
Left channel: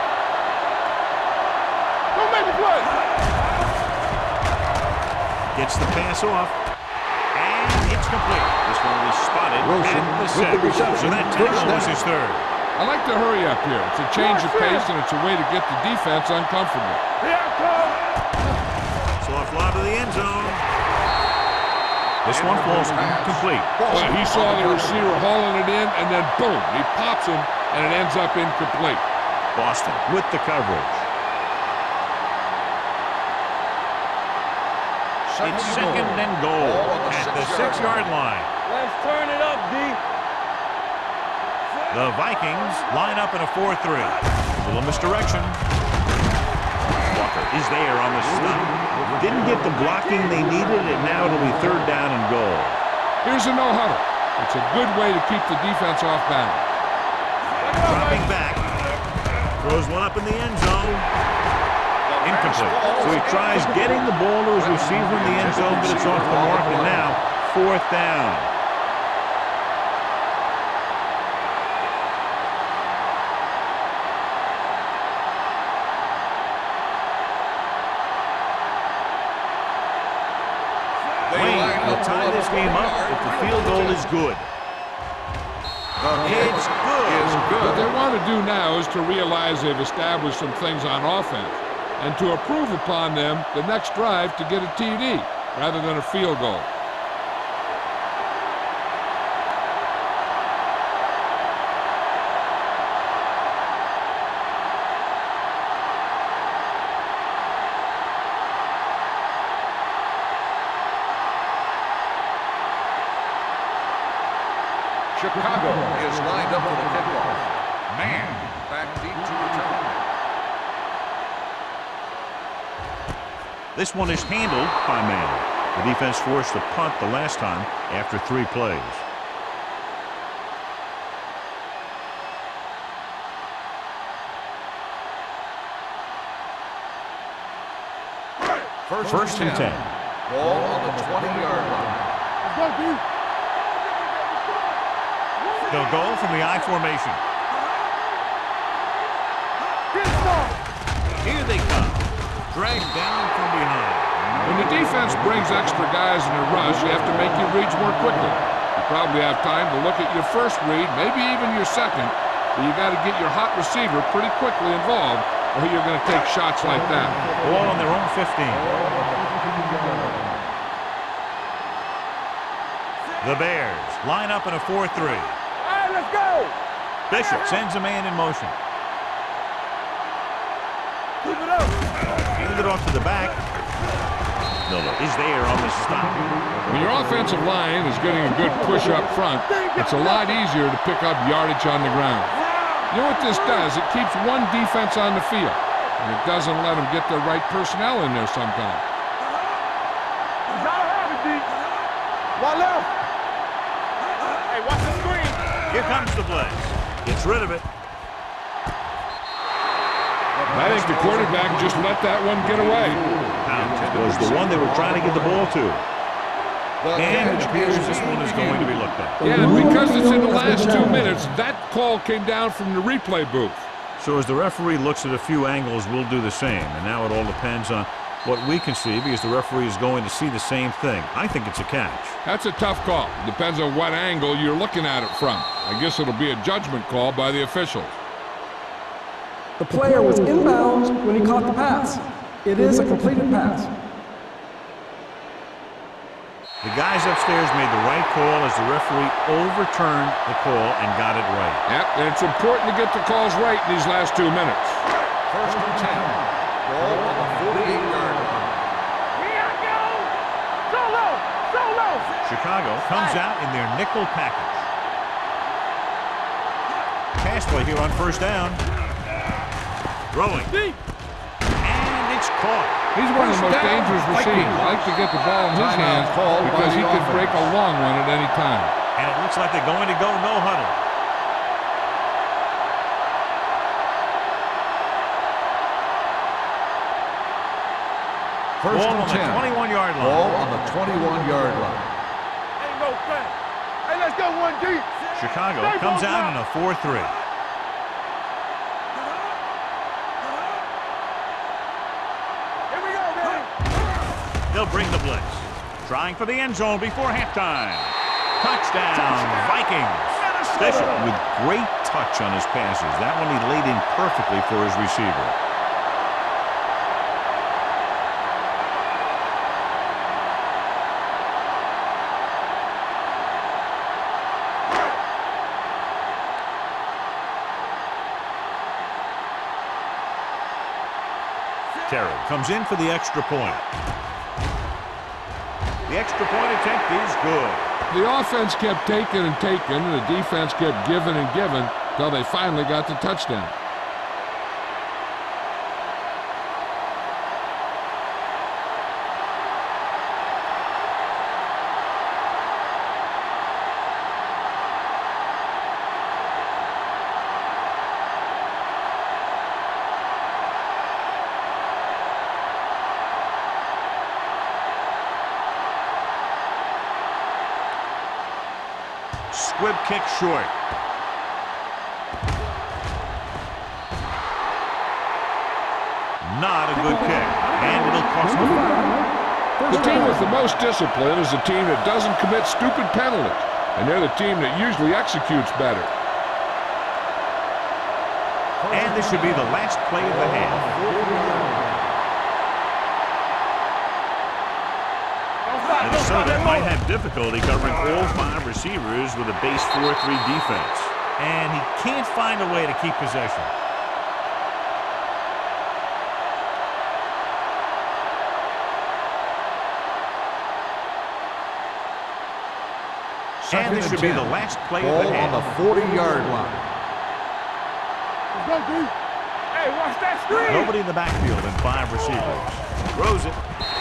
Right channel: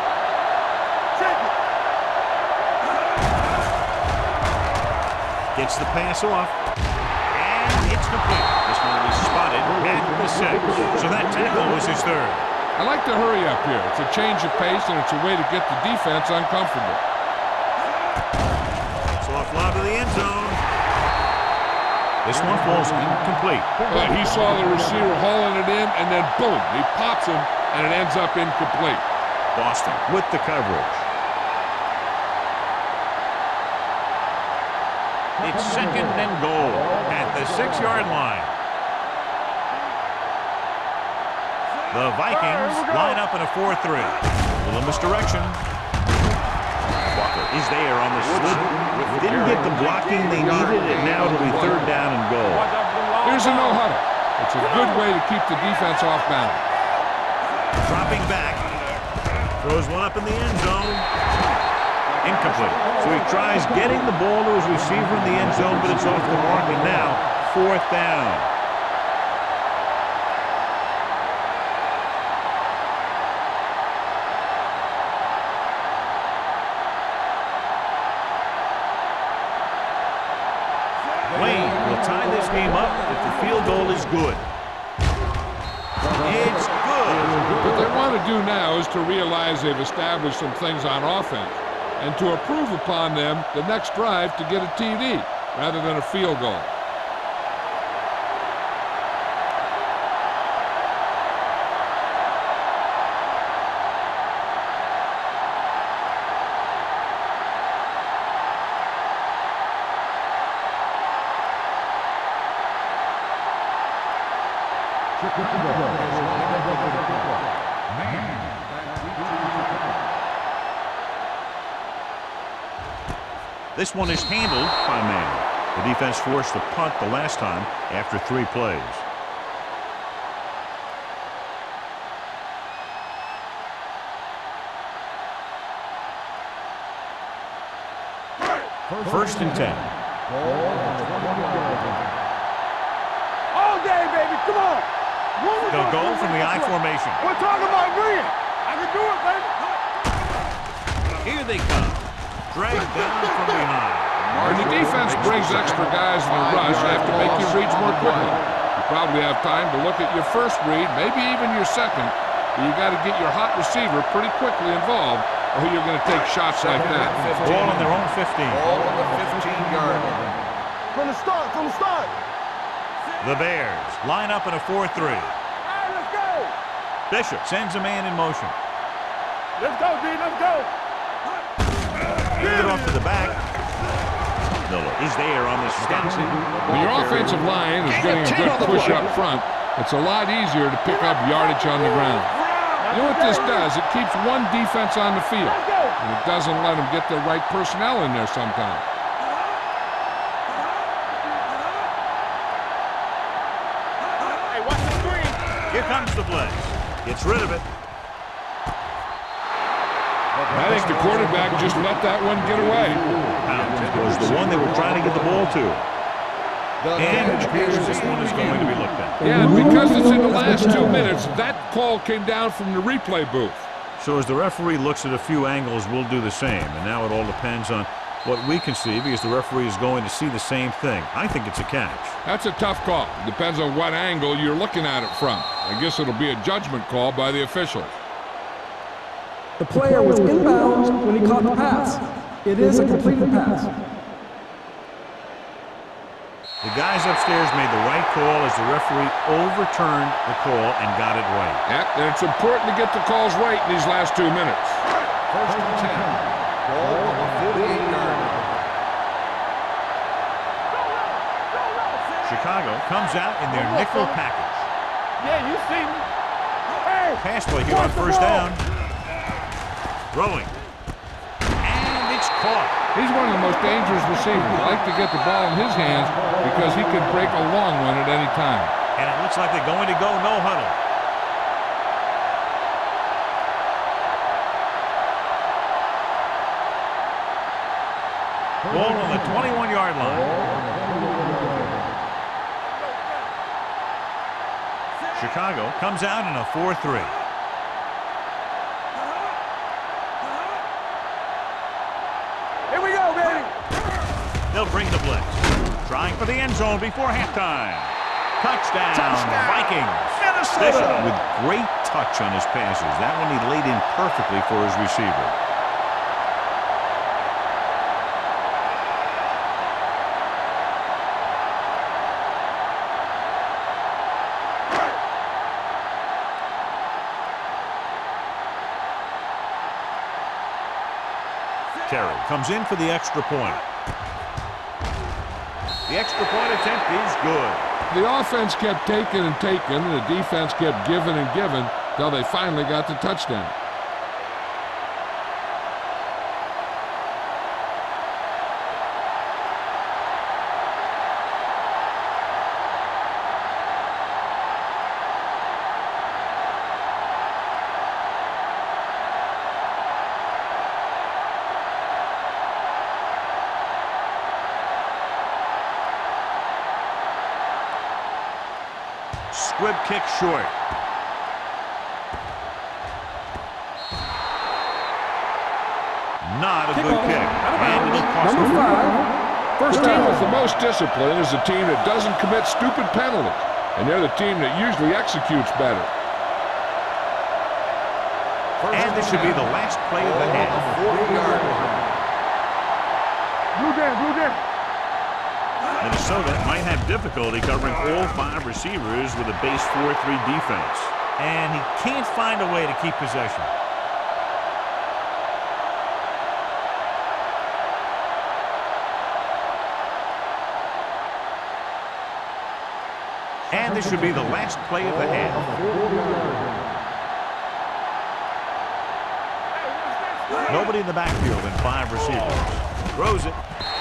Gets the pass off, and it's complete. This one will be spotted at the 6. So that tackle was his third. I like to hurry up here. It's a change of pace, and it's a way to get the defense uncomfortable. Soft lob to the end zone. This one falls incomplete. Well, he saw the receiver hauling it in, and then boom, he pops him, and it ends up incomplete. Boston with the coverage. It's second and goal at the 6-yard line. Let's turn it up, D. The Vikings line up in a 4-3. Little misdirection. Walker is there on the stop. Didn't get the blocking they needed, and now it'll be third down and goal. Here's a no-huddle. It's a good way to keep the defense off balance. Dropping back. Throws one up in the end zone. Incomplete. So he tries getting the ball to his receiver in the end zone, but it's off the mark, and now 4th down. Wayne will tie this game up if the field goal is good. It's good. What they want to do now is to realize they've established some things on offense and to improve upon them the next drive to get a TD rather than a field goal. Chicago is lined up for the kickoff. Man back deep to return. This one is handled by man. The defense forced a punt the last time after 3 plays. First and 10. Ball on the 20-yard line. All day, baby. Come on. They'll go from the I formation. We're talking about green. I can do it, baby. Get ball. Here they come. Dragged down from behind. When the defense brings extra guys in a rush, you have to make your reads more quickly. You probably have time to look at your first read, maybe even your second, but you got to get your hot receiver pretty quickly involved, or you're going to take shots like that. Ball on their own 15. Ball on the 15-yard line. From the start. The Bears line up in a 4-3. All right, let's go. Bishop sends a man in motion. Let's go, B. Let's go. Move it up. Hand it off to the back. Miller is there on the stop. When your offensive line is getting a good push up front, it's a lot easier to pick up yardage on the ground. You know what this does? It keeps one defense on the field, and it doesn't let them get the right personnel in there sometimes. Hey, watch the screen. Here comes the blitz. Gets rid of it. I think the quarterback just let that one get away. Pound was the one they were trying to get the ball to. And it appears this one is going to be looked at. Yeah, and because it's in the last 2 minutes, that call came down from the replay booth. So as the referee looks at a few angles, we'll do the same. And now it all depends on what we can see, because the referee is going to see the same thing. I think it's a catch. That's a tough call. Depends on what angle you're looking at it from. I guess it'll be a judgment call by the officials. The player was inbounds when he caught the pass. It is a completed pass. The guys upstairs made the right call as the referee overturned the call and got it right. Yep, and it's important to get the calls right in these last 2 minutes. First and 10. Ball on the 48-yard line. Solo. Chicago comes out in their nickel package. Yeah, you see me. Hey. Pass play here on first down. Throwing. And it's caught. He's one of the most dangerous receivers. I like to get the ball in his hands because he can break a long one at any time. And it looks like they're going to go no huddle. Ball on the 21-yard line. Ball on the 21-yard line. Ain't no thing. Hey, let's go one deep. Chicago comes out in a 4-3. Here we go, baby. They'll bring the blitz. Trying for the end zone before halftime. Touchdown, Vikings. Bishop with great touch on his passes. That one he laid in perfectly for his receiver. Terry comes in for the extra point. The extra point attempt is good. The offense kept taking and taking, and the defense kept giving and giving until they finally got the touchdown. Squib kick short. Not a good kick. And it'll cost Number them. 5. First The team down. with the most discipline is the team that doesn't commit stupid penalties, and they're the team that usually executes better. And this should be the last play of the half. 40-yard line. Blue down. Minnesota might have difficulty covering all 5 receivers with a base 4-3 defense. And he can't find a way to keep possession. And this should be the last play of the half. On the 40-yard line. Hey, watch that screen. Nobody in the backfield and 5 receivers. Throws it,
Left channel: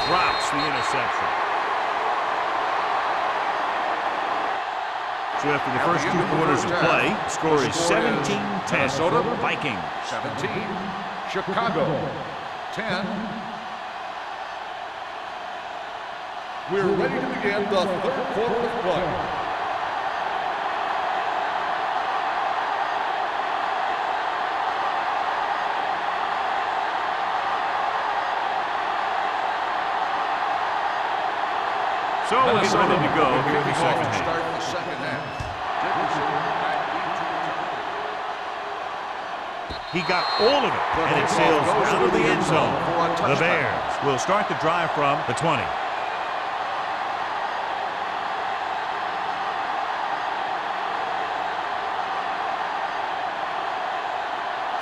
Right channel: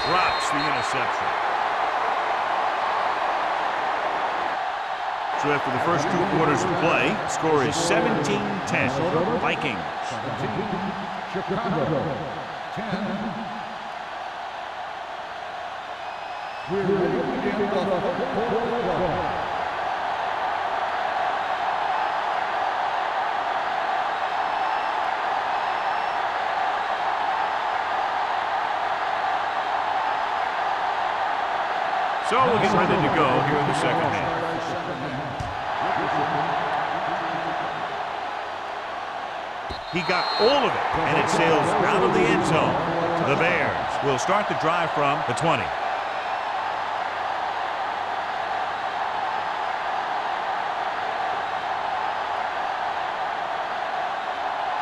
drops the interception. So after the first 2 quarters of play, score is 17-10. Vikings. 17, Chicago. 10. We're ready to begin the third quarter of play. So we'll get ready to go here in the second half. Start the second half. He got all of it, and it sails out of the end zone. The Bears will start the drive from the 20.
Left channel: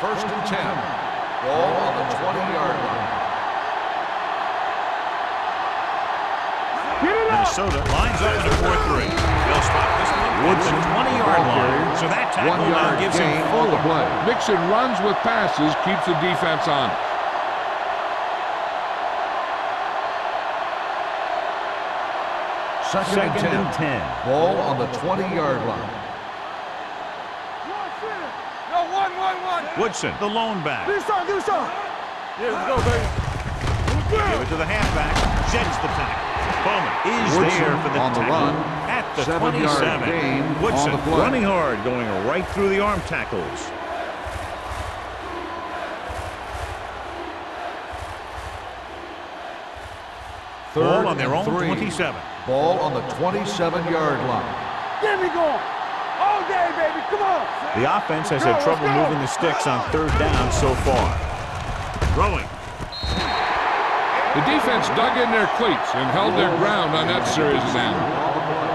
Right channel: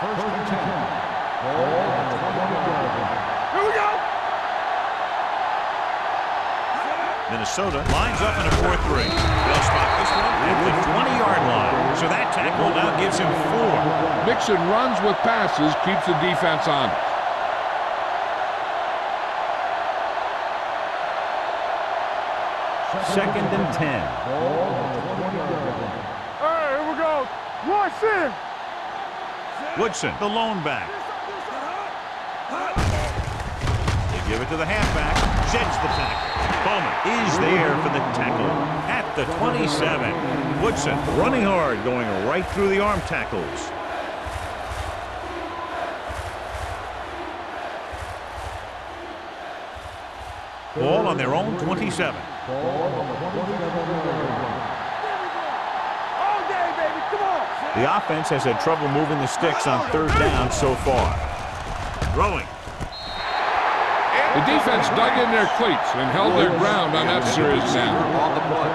First and 10. Ball on the 20-yard line. Here we go. Minnesota lines up in a 4-3. They'll spot this one at the 20-yard line. So that tackle now gives him 4. Mixing runs with passes keeps the defense honest. Second and 10. Ball on the 20-yard line. All right, here we go. Woodson. Yo, one. Woodson, the lone back. Do something. Here we go, baby. They give it to the halfback. Jets the tackle. Bowman is there for the tackle at the 27. Woodson running hard, going right through the arm tackles. Ball on their own 27. Ball on the 27-yard line. There we go. All day, baby. Come on. The offense has had trouble moving the sticks on 3rd down so far. Throwing. The defense dug in their cleats and held their ground on that series down. On the play.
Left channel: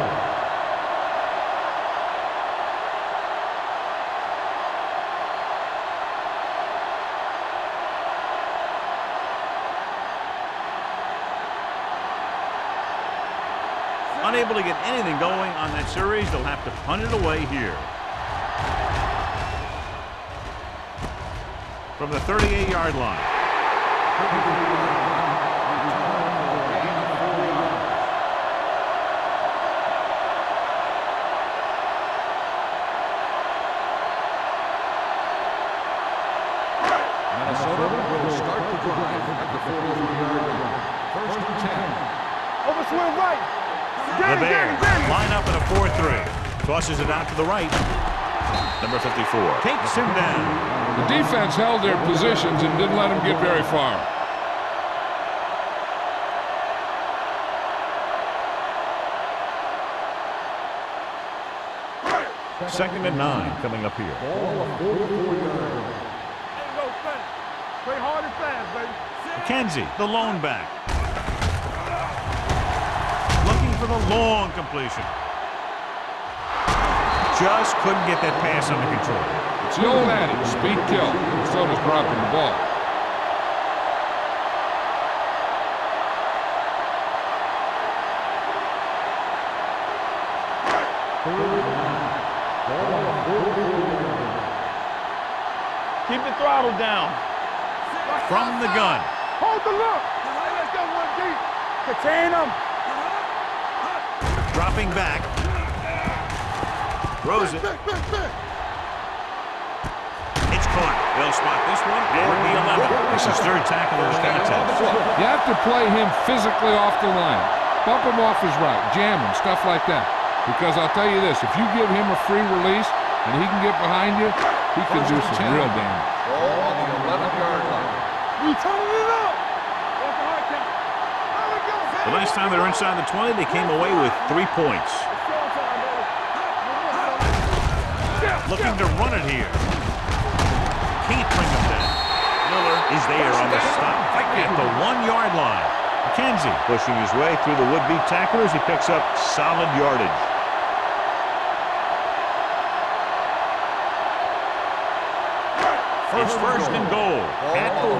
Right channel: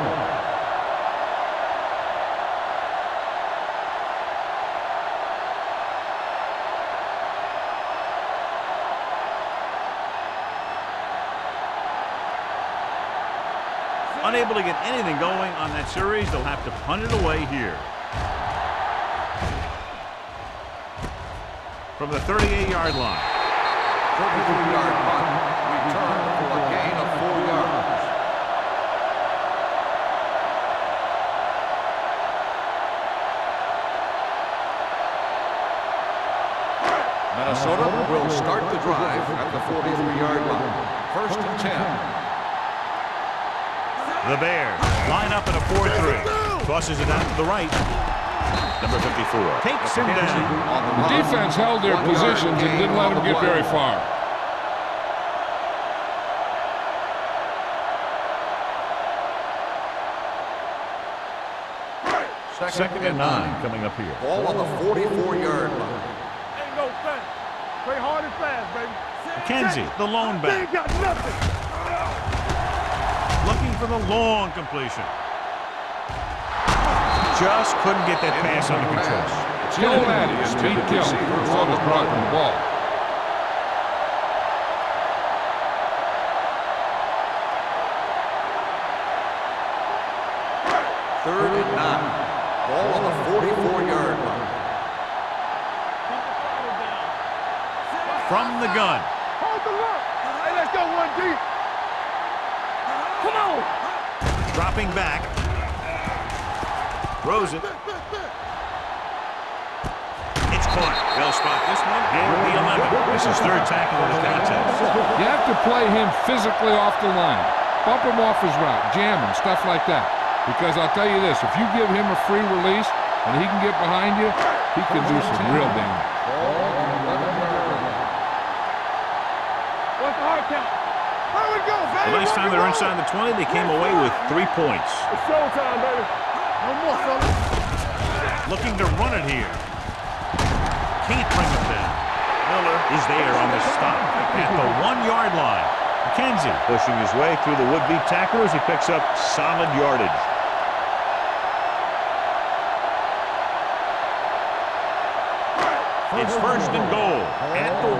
Unable to get anything going on that series, they'll have to punt it away here. From the 38-yard line. 33-yard punt. Return for a gain of 4 yards. Minnesota will start the drive at the 43-yard line. First and 10. Overswing right. The Bears line up in a 4-3. Tosses it out to the right. Number 54 takes him down. The defense held their positions and didn't let him get very far. Second and 9 coming up here. Ball on the 44-yard line. Ain't no thing. Play hard and fast, baby. McKenzie, the lone back. Looking for the long completion. Just couldn't get that pass under control. It's the old adage, speed kills. Minnesota's dropping the ball. Third and 9. Ball on the 44-yard line. Keep the throttle down. From the gun. Hold the look. Hey, let's go one deep. Contain them. Come on. Dropping back. Throws it. It's caught. They'll spot this one at the 11. This is 3rd tackle of the contest. You have to play him physically off the line. Bump him off his route, jam him, stuff like that. Because I'll tell you this, if you give him a free release and he can get behind you, he can do some real damage. Ball on the 11-yard line. We turning it up. What's the hard count? There we go, baby. The last time they were inside the 20, they came away with 3 points. It's showtime, baby. One more, fellas. Looking to run it here. Can't bring him down. Miller is there on the stop at the 1-yard line. McKenzie pushing his way through the would-be tacklers. He picks up solid yardage. It's first and goal at the 1.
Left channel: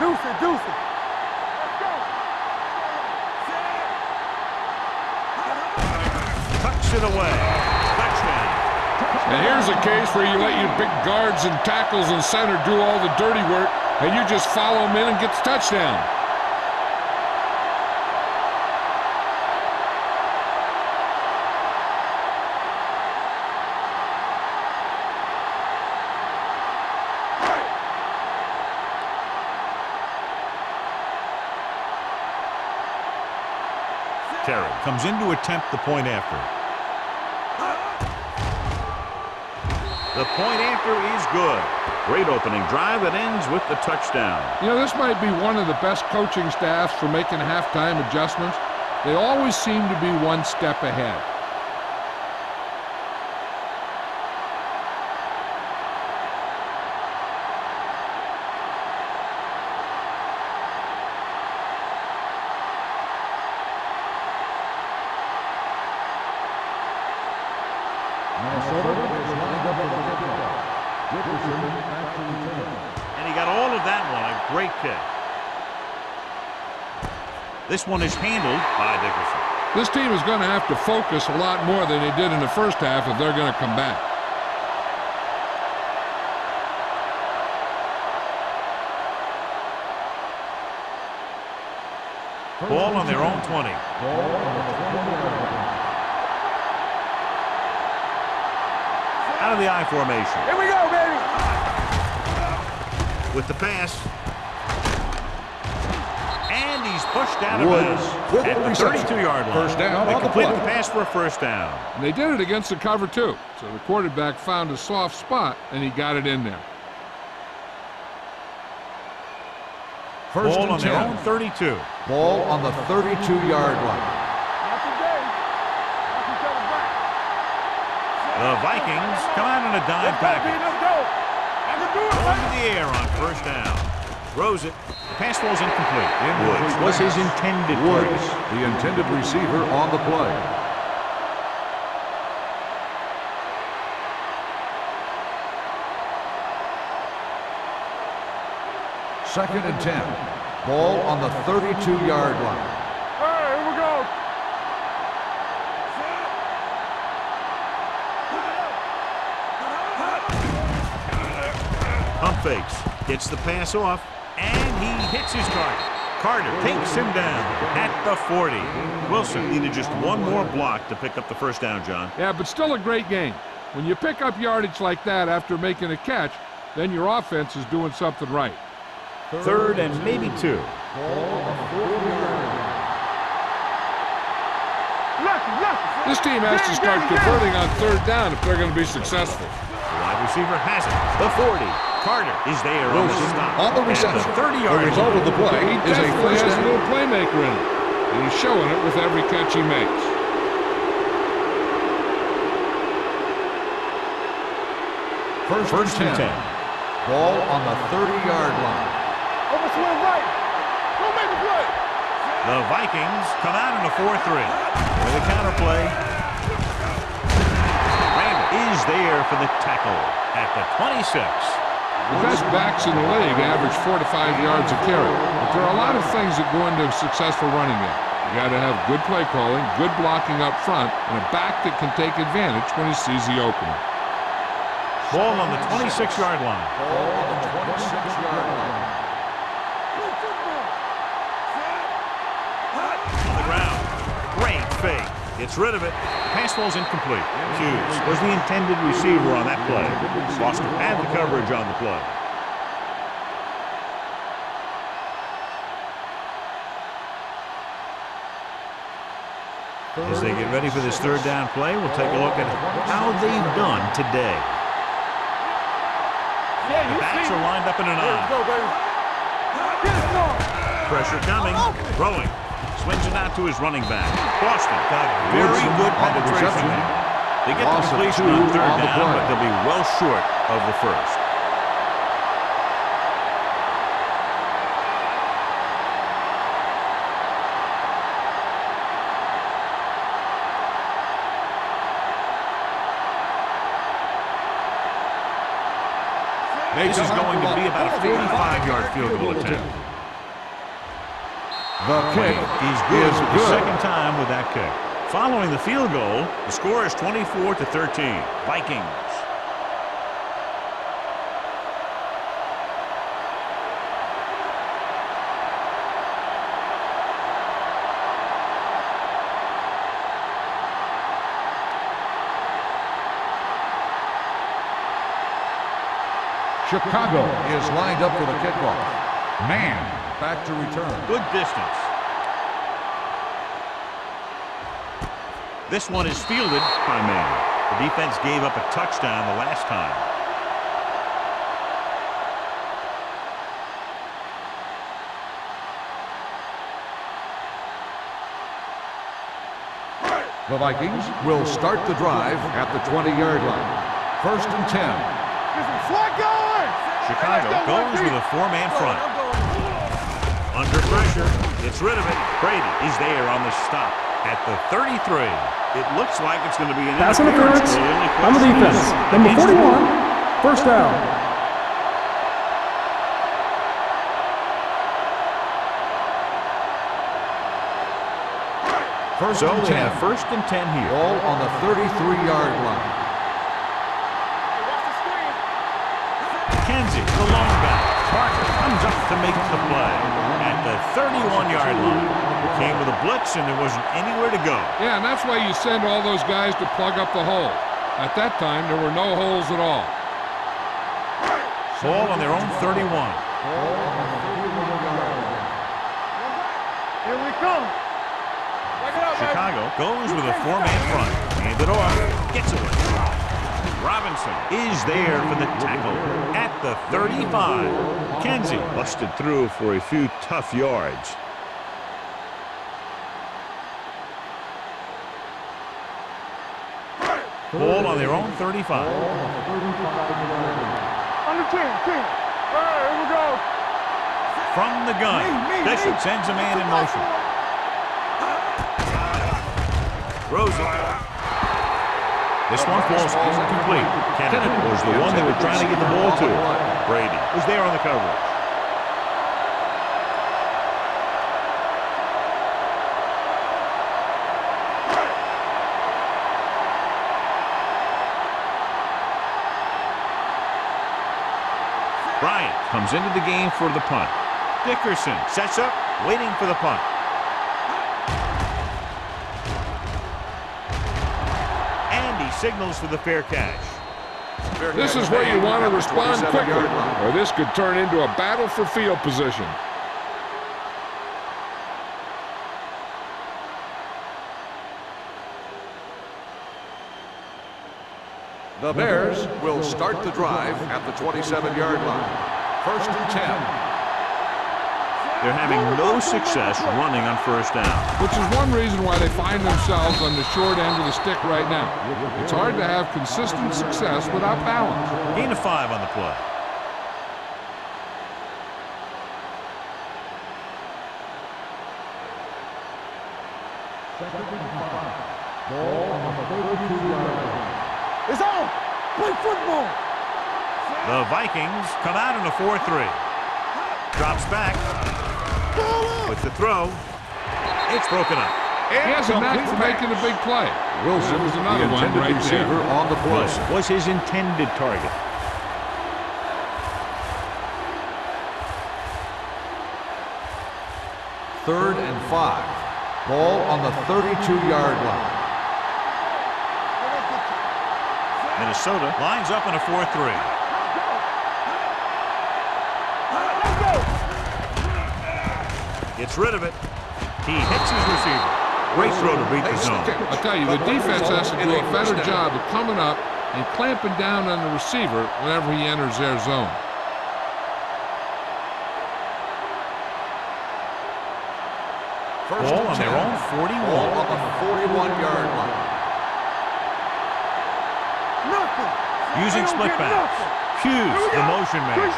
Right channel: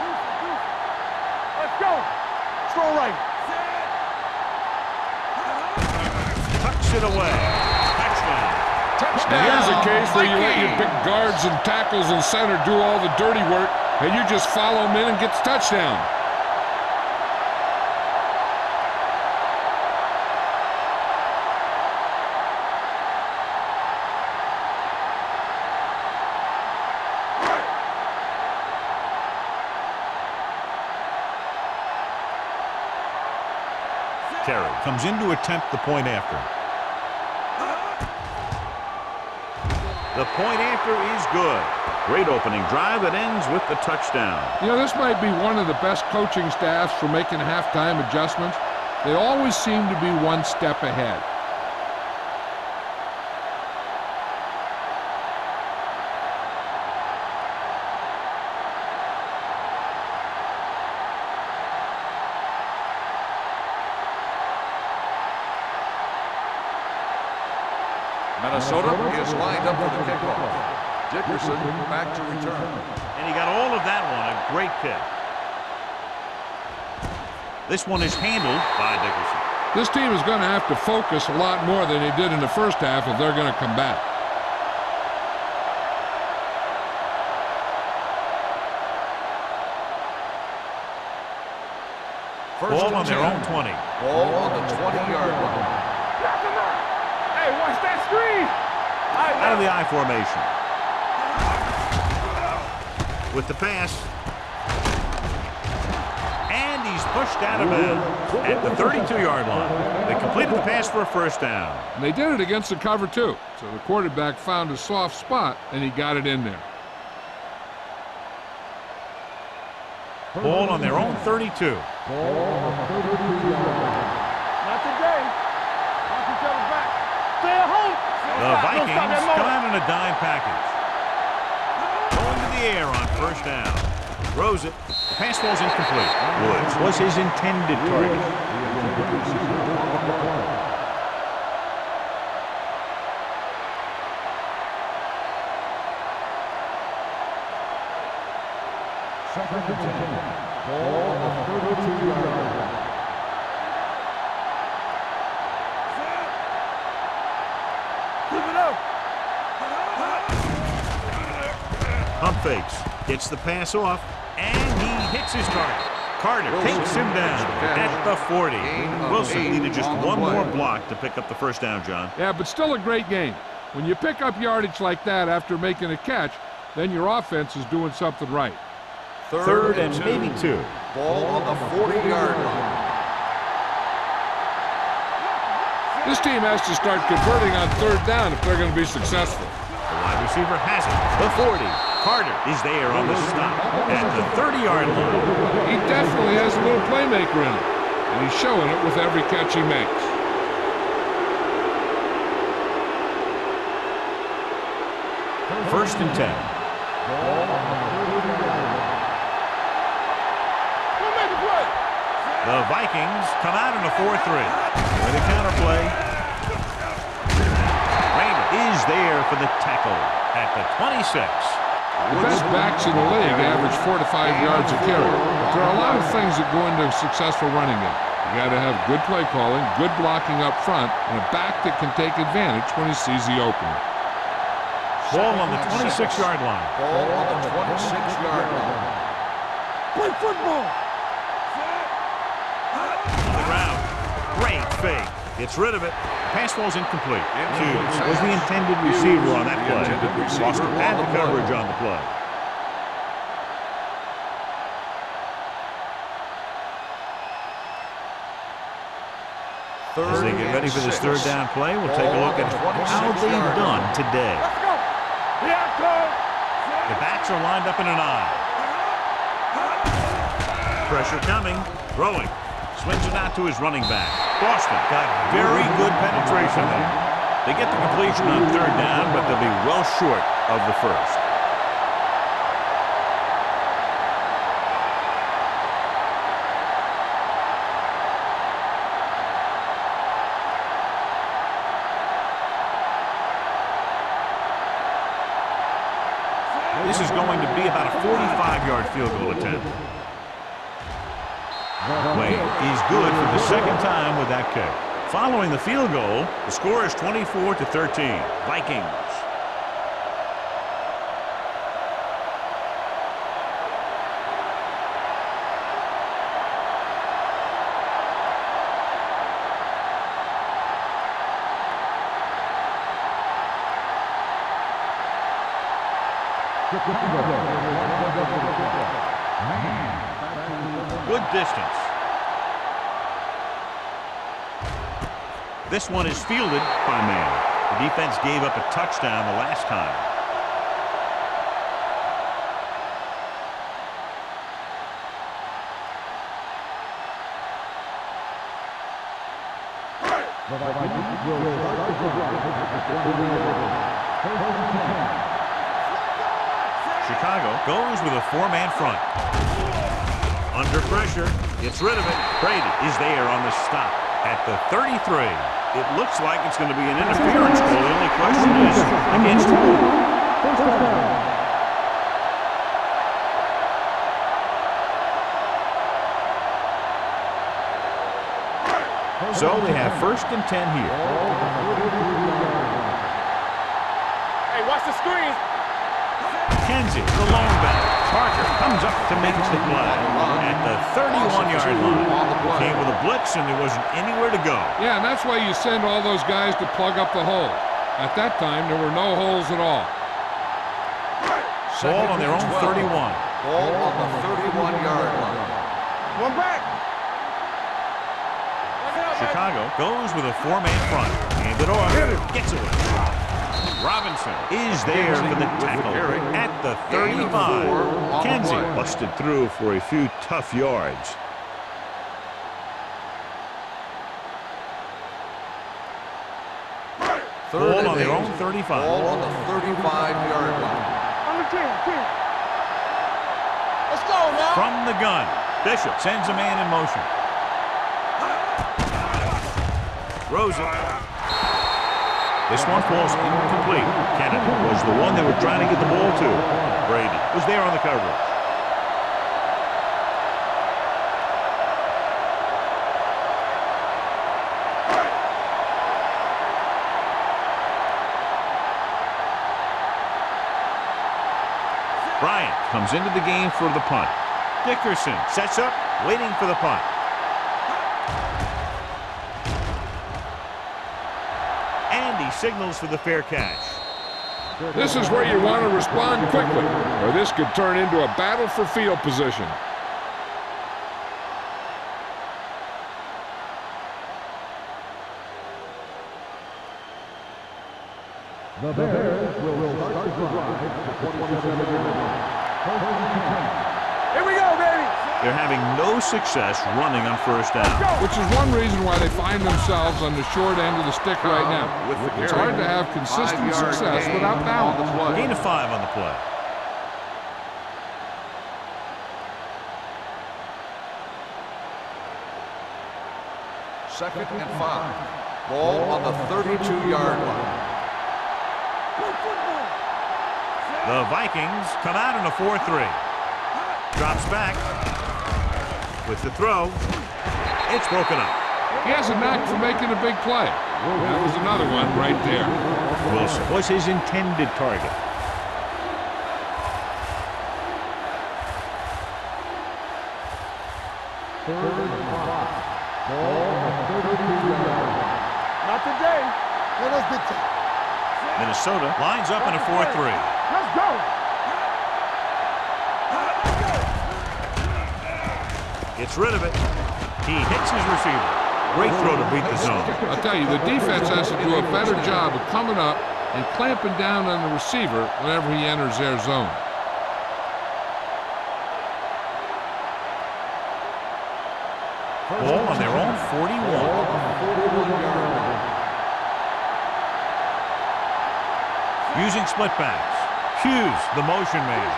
Deuce it. Let's go. Throw right. tucks it away. Touchdown. And here's a case where you let your big guards and tackles and center do all the dirty work, and you just follow them in and get the touchdown. Terry comes in to attempt the point after. The point after is good. Great opening drive that ends with the touchdown. You know, this might be one of the best coaching staffs for making halftime adjustments. They always seem to be one step ahead. Minnesota is lined up for the kickoff. Dickerson back to return. And he got all of that one. A great kick. This one is handled by Dickerson. This team is going to have to focus a lot more than they did in the first half if they're going to come back. Ball on their own 20. Ball on the 20-yard line. Hey, watch that screen. Out of the I formation. Here we go, baby. With the pass. And he's pushed out of bounds at the 32-yard line. They completed the pass for a first down. And they did it against the cover, too. So the quarterback found a soft spot, and he got it in there. Ball on their own 32. Ball on the 32-yard line. Not today. Watch each other back. Stay at home. The Vikings come out in a dime package. Going to the air on first down. Throws it. The pass falls incomplete. Woods was his intended target. The intended receiver on the play. Second and 10. Ball on the 32-yard line. Here we go. Set. Flip it up. Pump fakes. Gets the pass off. And he hits his target. Carter takes him down at the 40. Wilson needed just one more block to pick up the first down, John. Yeah, but still a great game. When you pick up yardage like that after making a catch, then your offense is doing something right. Third and maybe two. Ball on the 40-yard line. This team has to start converting on third down if they're going to be successful. The wide receiver has it. The 40. Carter is there on the stop at the 30-yard line. He definitely has a little playmaker in him, and he's showing it with every catch he makes. First and 10. Ball on the 30-yard line. Don't make the play. The Vikings come out in a 4-3. With a counter play. Randall is there for the tackle at the 26. The best backs in the league average 4 to 5 yards a carry. But there are a lot of things that go into a successful running game. You got to have good play calling, good blocking up front, and a back that can take advantage when he sees the opening. Ball on the 26-yard line. Ball on the 26-yard line. Play football. On the ground. Great fake. Gets rid of it. The pass falls incomplete. Hughes was the intended receiver on that play. Foster had the coverage on the play. As they get ready for this third down play, we'll take a look at how they've done today. The backs are lined up in an I. Pressure coming. Throwing. Swings it out to his running back. Boston got very good penetration there. They get the completion on third down, but they'll be well short of the first. This is going to be about a 45-yard field goal attempt. Wade is good for the second time with that kick. Following the field goal, the score is 24-13. Vikings. Chicago is lined up for the kickoff. Man back to return. Good distance. This one is fielded by man. The defense gave up a touchdown the last time. The Vikings will start the drive at the 20-yard line. First and 10. Chicago goes with a four-man front. Under pressure, gets rid of it. Brady is there on the stop at the 33. It looks like it's going to be an interference goal. The only question is against who? First down. So they have first and 10 here. Ball on the 33-yard line. Hey, watch the screen. Kenzie, the lone back. Parker comes up to make the play at the 31-yard line. Came with a blitz, and there wasn't anywhere to go. Yeah, and that's why you send all those guys to plug up the holes. At that time, there were no holes at all. Ball on their own 31. Ball on the 31-yard line. One back. Here we come. Back it up, Chicago goes with a four-man front. Hand it off. Gets away. Robinson is there for the tackle at the 35. Kenzie busted through for a few tough yards. Ball on their own 35. Ball on the 35-yard line. Under 10. All right, here we go. Let's go, man. From the gun, Bishop sends a man in motion. Throws it. This one falls incomplete. Kennedy was the one they were trying to get the ball to. Brady was there on the coverage. Bryant comes into the game for the punt. Dickerson sets up, waiting for the punt. And he signals for the fair catch. This is where you want to respond quickly, or this could turn into a battle for field position. The Bears will start the drive at the 27-yard line. First and 10. Here we go, baby. They're having no success running on first down. Which is one reason why they find themselves on the short end of the stick right now. It's hard to have consistent success without balance. Gain of 5 on the play. Second and 5. Ball on the 32-yard line. It's on. Play football. The Vikings come out in a 4-3. Drops back. With the throw. It's broken up. He has a knack for making a big play. That was another one right there. Wilson was his intended target. Third and 5. Ball on the 32-yard line. Not today. Let us get to. Minnesota lines up in a 4-3. Let's go. Let's go. Gets rid of it. He hits his receiver. Great throw to beat the zone. I'll tell you, the defense has to do a better job of coming up and clamping down on the receiver whenever he enters their zone. Ball on their own 41. Ball on the 41-yard line. Using split backs. Hughes, the motion man.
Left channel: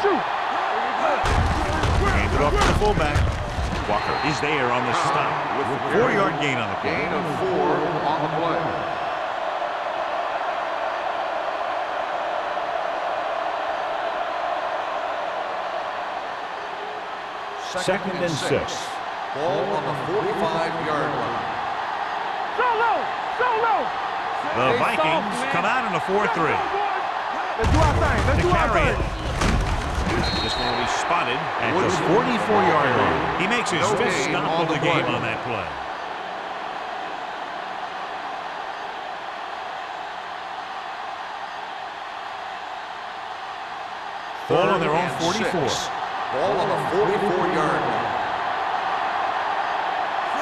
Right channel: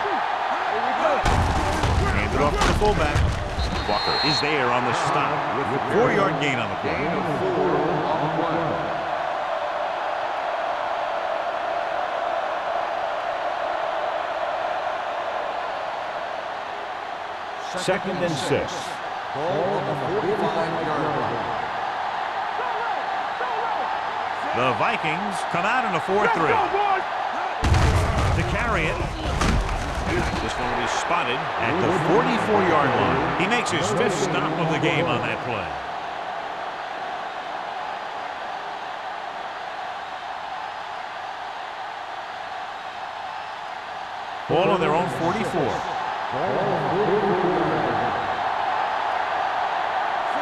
Hand it off to the fullback. Walker is there on the stop with the 4-yard gain on the play. Gain of 4 on the play. Second and 6. Ball on the 45-yard line. The Vikings come out in a 4-3. To carry it. This one will be spotted at the 44-yard line. He makes his fifth stop of the game on that play. Ball on their own 44. Ball on the 44-yard line.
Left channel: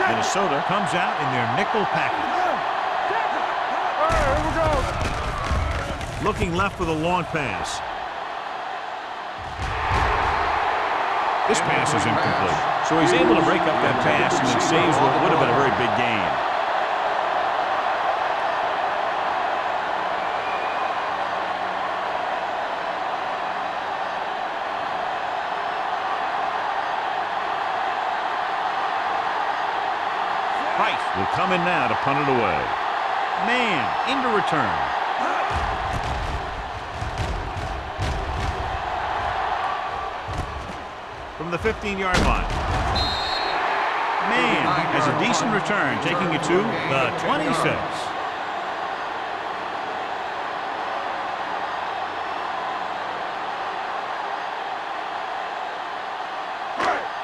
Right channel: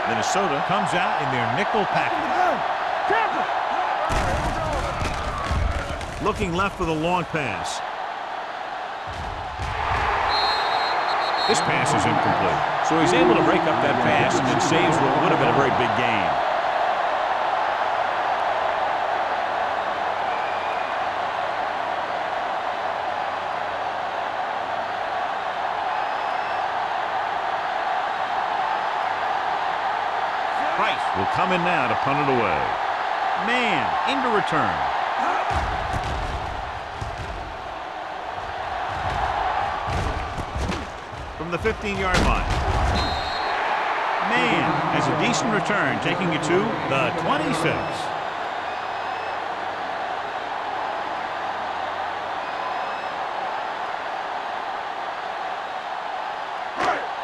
Minnesota comes out in their nickel package. Looking left for the long pass. This pass is incomplete. So he's able to break up that pass, and it saves what would have been a very big gain. Price will come in now to punt it away. Man into return. From the 15-yard line. Man has a decent return, taking it to the 26.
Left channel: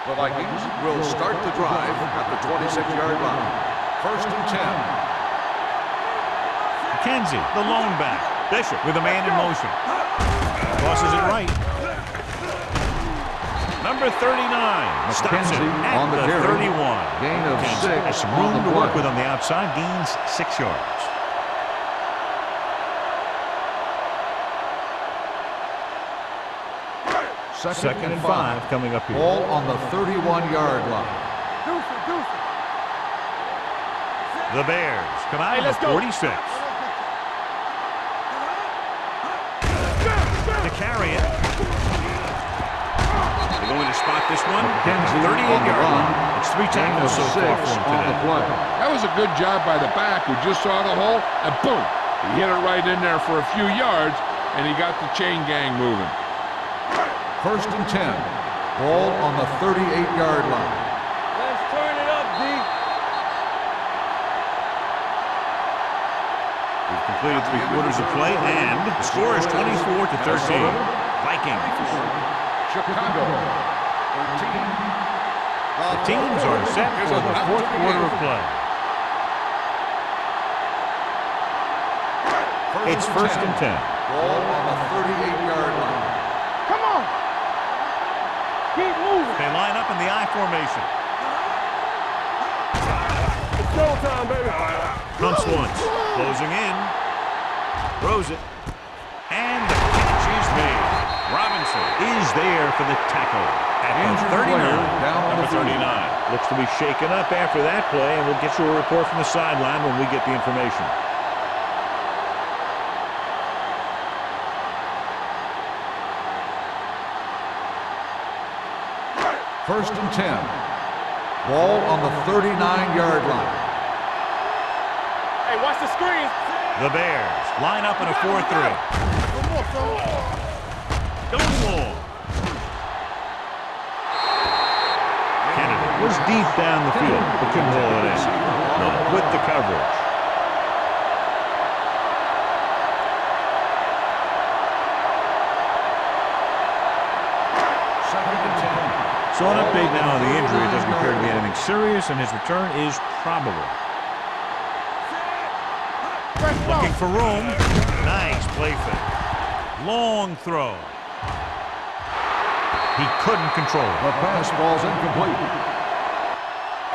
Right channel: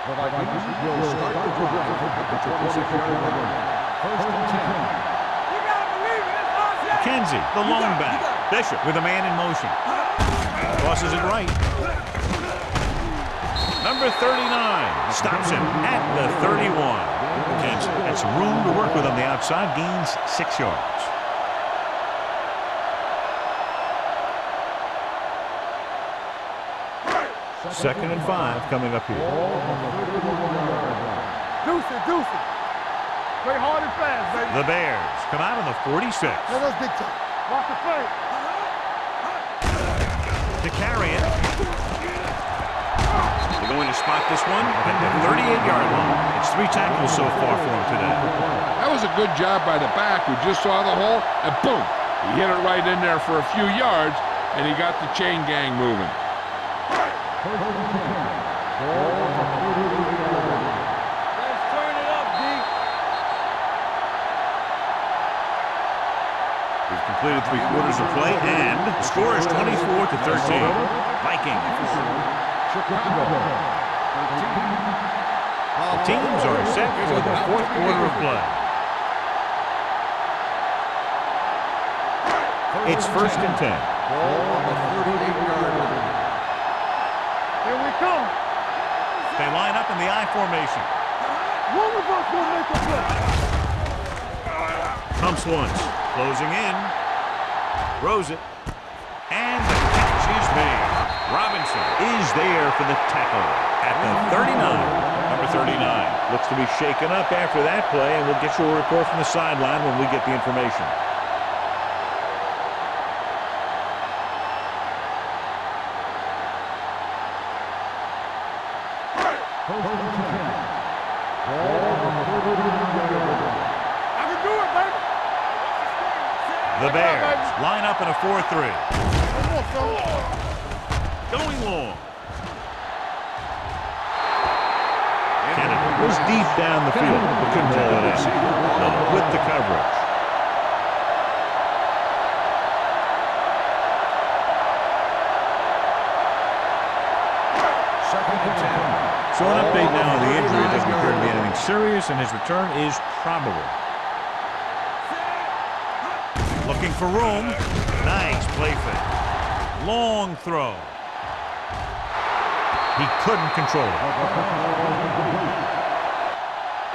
The Vikings will start the drive at the 26-yard line. First and 10. McKenzie, the lone back. Bishop with a man in motion. Tosses it right. Number 39 stops him at the 31. McKenzie has some room to work with on the outside. Gains 6 yards. Second and 5 coming up here. Ball on the 31-yard line. The Bears come out of the 46. To carry it. They're going to spot this one at the 38-yard line. It's 3 tackles so far for him today. That was a good job by the back who just saw the hole, and boom, he hit it right in there for a few yards, and he got the chain gang moving. First and 10. Ball on the 38-yard line. Let's turn it up, D. We've completed 3/4 of play, and the score is 24-13. Vikings. Chicago, 13. The teams are set for the 4th quarter of play. It's first and 10. Ball on the 38-yard line. They line up in the I formation. Pumps once, closing in, throws it, and the catch is made. Robinson is there for the tackle at the 39. Number 39 looks to be shaken up after that play, and we'll get you a report from the sideline when we get the information. First and 10. Ball on the 39-yard line. Hey, watch the screen. The Bears line up in a 4-3. Going long. Kennedy was deep down the field, but couldn't haul it in. Miller with the coverage. Second and 10. So an update now on the injury. It doesn't appear to be anything serious, and his return is probable. Looking for room. Nice play fake. Long throw. He couldn't control it. The pass ball's incomplete.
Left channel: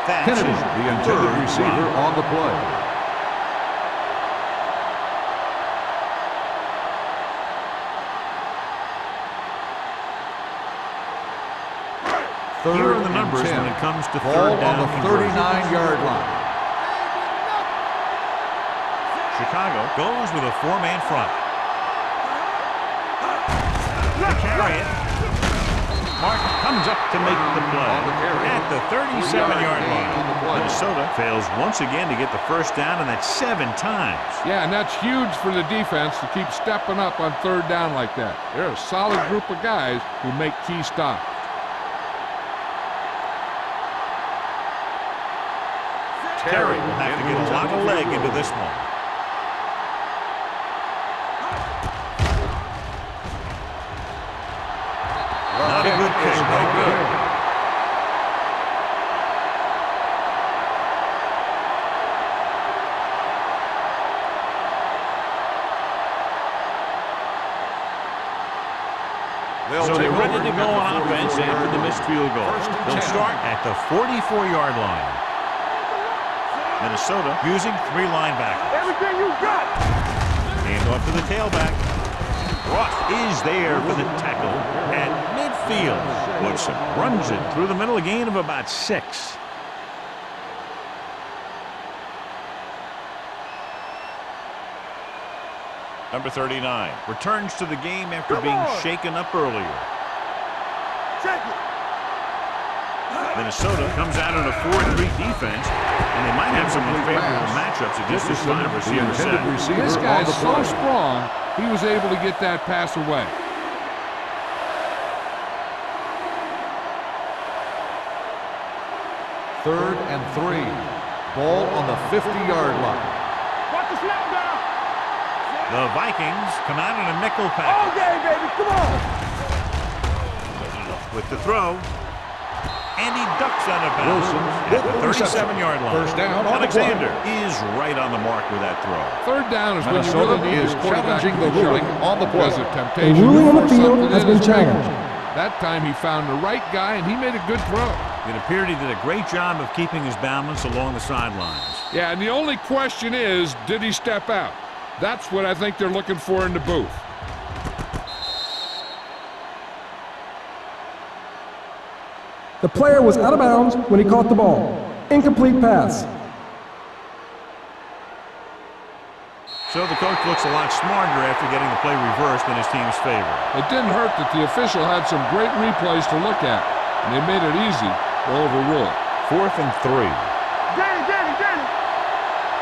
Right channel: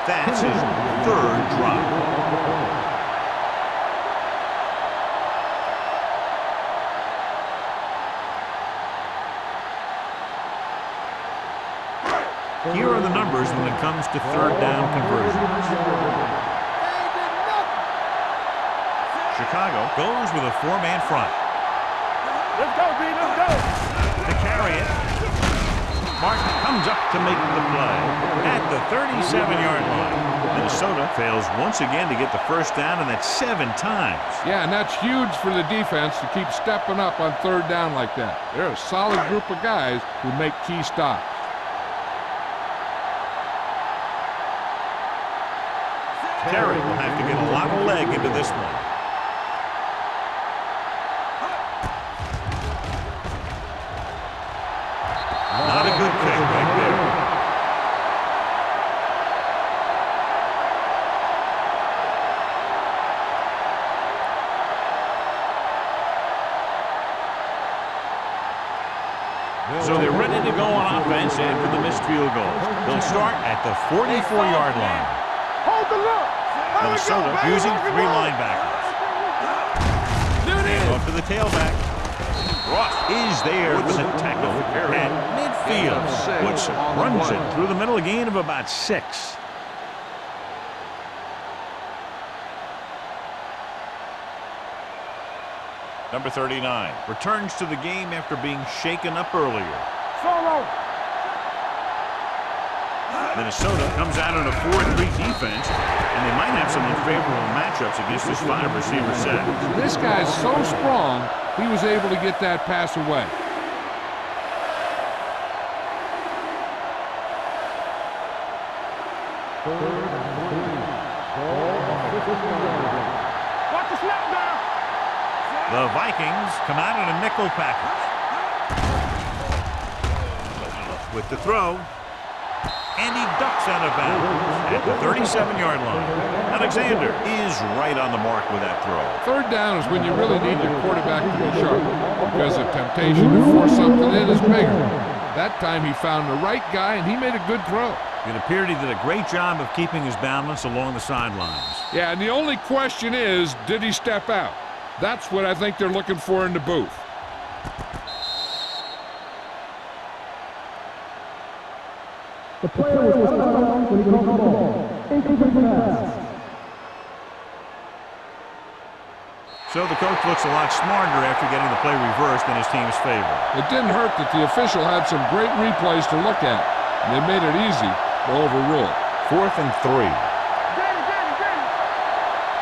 That's Kennedy, his the intended 3rd receiver drop. on the play. Here are the numbers when it comes to 3rd down conversions. 39-yard line. Chicago goes with a 4-man front. To carry it. Martin comes up to make the play at the 37-yard line. Minnesota fails once again to get the first down, and that's 7 times. Yeah, and that's huge for the defense to keep stepping up on 3rd down like that. They're a solid group of guys who make key stops. Terry will have to get a lot of leg into this one. Not a good kick right there. So they're ready to go on offense after the missed field goal. They'll start at the 44-yard line. Minnesota using 3 linebackers. Hand off to the tailback. Ross is there for the tackle at midfield. Woodson runs it through the middle, a gain of about 6. Number 39 returns to the game after being shaken up earlier. Minnesota comes out in a 4-3 defense, and they might have some unfavorable matchups against this 5-receiver set. This guy's so strong, he was able to get that pass away. Third and 3. Ball on the 50-yard line. Watch the snap down. The Vikings come out in a nickel package. With the throw. And he ducks out of bounds at the 37-yard line. Alexander is right on the mark with that throw. Third down is when you really need your quarterback to be sharp because the temptation to force something in is bigger. That time he found the right guy, and he made a good throw. It appeared he did a great job of keeping his balance along the sidelines. Yeah, and the only question is, did he step out? That's what I think they're looking for in the booth. The player was out of bounds when he caught the ball. Incomplete pass. So the coach looks a lot smarter after getting the play reversed in his team's favor. It didn't hurt that the official had some great replays to look at, and they made it easy to overrule. 4th and 3. Get it.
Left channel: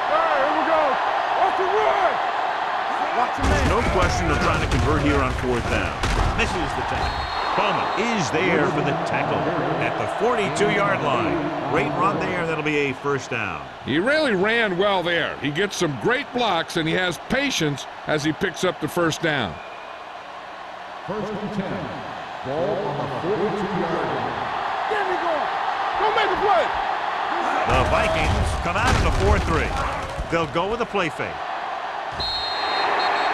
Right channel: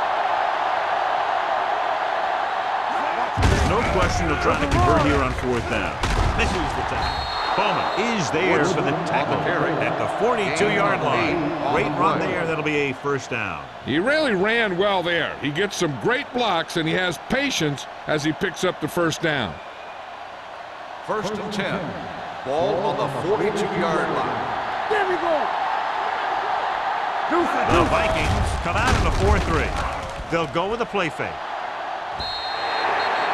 All right, here we go. That's the run. There's no question of trying to convert here on 4th down. Misses the tackle. Bowman is there for the tackle at the 42-yard line. Great run there. That'll be a first down. He really ran well there. He gets some great blocks, and he has patience as he picks up the first down. First and 10. Ball on the 42-yard line. There we go. Don't make a play. The Vikings come out in a 4-3. They'll go with a play fake.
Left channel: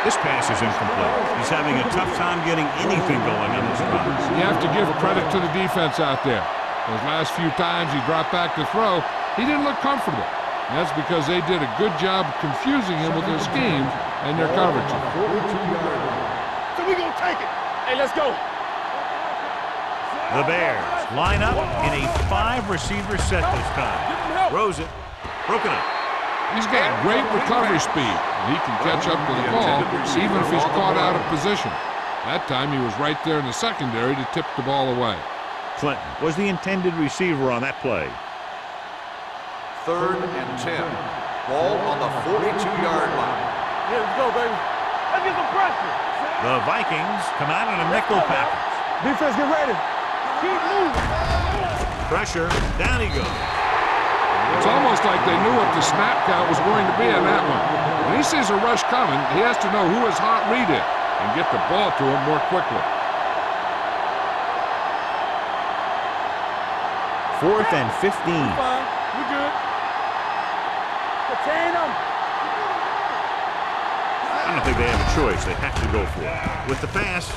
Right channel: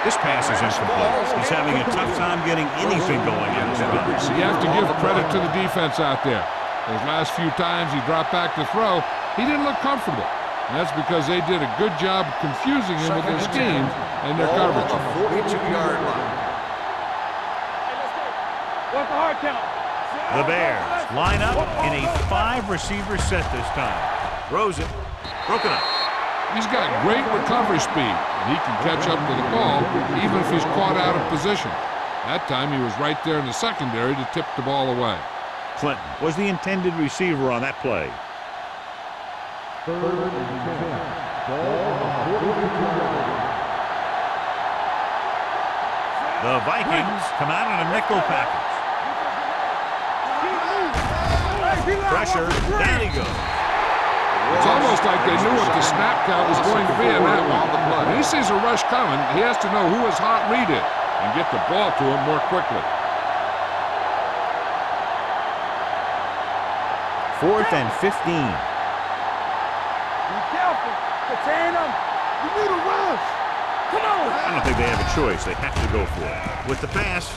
This pass is incomplete. He's having a tough time getting anything going on this drive. You have to give credit to the defense out there. Those last few times he dropped back to throw, he didn't look comfortable. And that's because they did a good job confusing him with their schemes and their coverage. 42-yard line. So we gonna take it. Hey, let's go. What's the hard count? The Bears line up in a 5-receiver set this time. Throws it. Broken up. He's got great recovery speed, and he can catch up to the ball even if he's caught out of position. That time he was right there in the secondary to tip the ball away. Clinton was the intended receiver on that play. Third and 10. Ball on the 42-yard line. Let's go, baby. Let's get the pressure. The Vikings come out in a nickel package. Defense, get ready. Keep moving. Pressure. Down he goes. It's almost like they knew what the snap count was going to be in that one. When he sees a rush coming, he has to know who his hot read is and get the ball to him more quickly. 4th and 15. You good. Be careful. Contain them. You need a rush. Come on. I don't think they have a choice. They have to go for it. With the pass,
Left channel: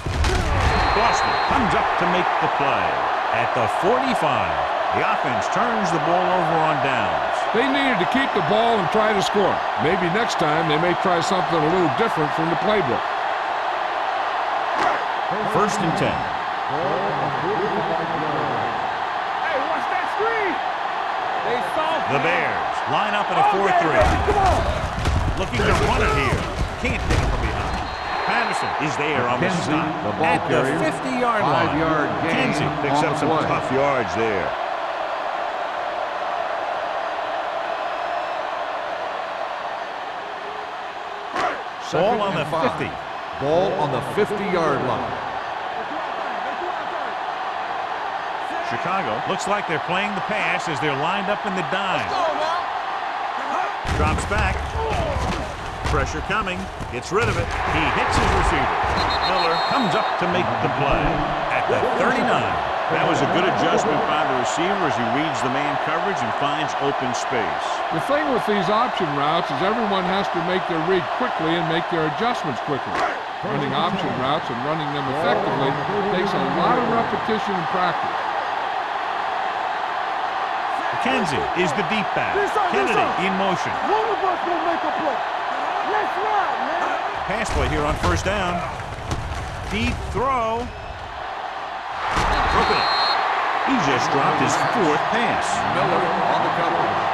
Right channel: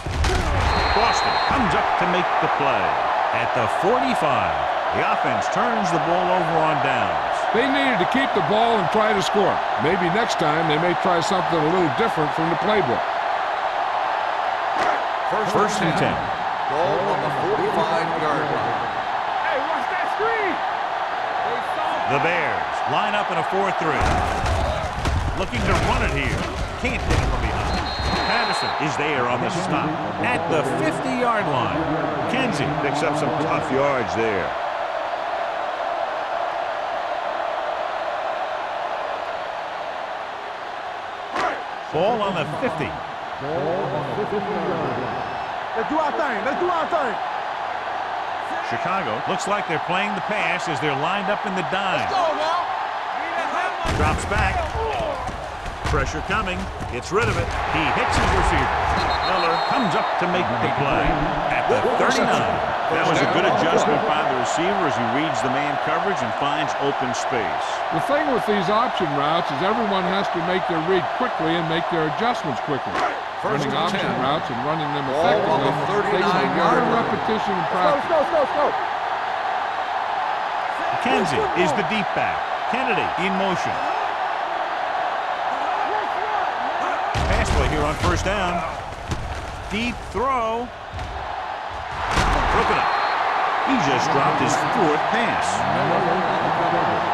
Boston comes up to make the play. At the 45. The offense turns the ball over on downs. They needed to keep the ball and try to score. Maybe next time they may try something a little different from the playbook. First and 10. Ball on the 45-yard line. Hey, watch that screen. They saw The Bears line up in a 4-3. Looking to run it here. Can't get it from behind. Patterson is there on the stop at the 50-yard line. Kenzie picks up some tough yards there. Ball on the 50. Ball on the 50-yard line. Let's do our thing. Let's do our thing. Chicago looks like they're playing the pass as they're lined up in the dime. Let's go now. Drops back. Pressure coming. Gets rid of it. He hits his receiver. Miller comes up to make the play at the 39. That was a good adjustment by the receiver as he reads the man coverage and finds open space. The thing with these option routes is everyone has to make their read quickly and make their adjustments quickly. Running option routes and running them effectively takes a lot of repetition and practice. McKenzie is the deep back. Kennedy in motion. Pass play here on first down. Deep throw. Broken up. He just dropped his 4th pass. Miller on the coverage.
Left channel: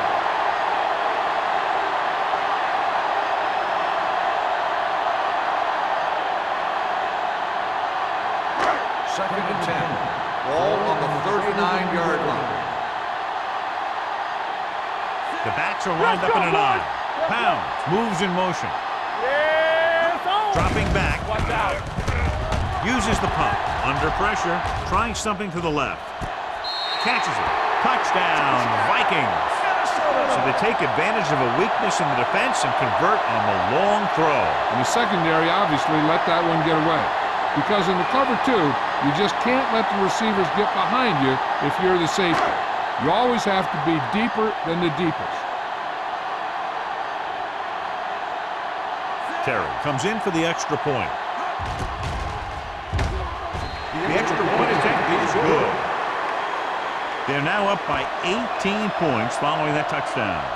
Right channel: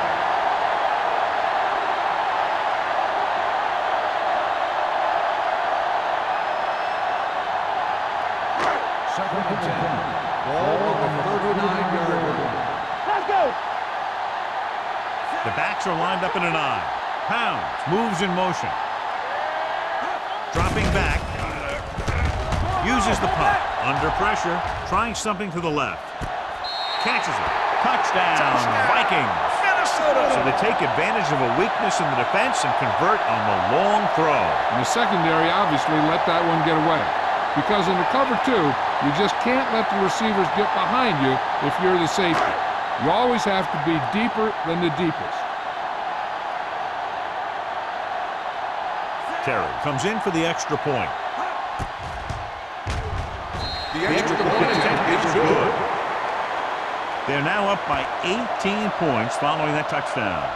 Second and 10. Ball on the 39-yard line. The backs are lined up in an I. Pounds moves in motion. Dropping back. Uses the punt. Under pressure. Trying something to the left. Catches it. Touchdown, Vikings. So they take advantage of a weakness in the defense and convert on the long throw. And the secondary obviously let that one get away. Because in the cover 2, you just can't let the receivers get behind you if you're the safety. You always have to be deeper than the deepest. Terry comes in for the extra point. The extra point attempt is good. They're now up by 18 points following that touchdown.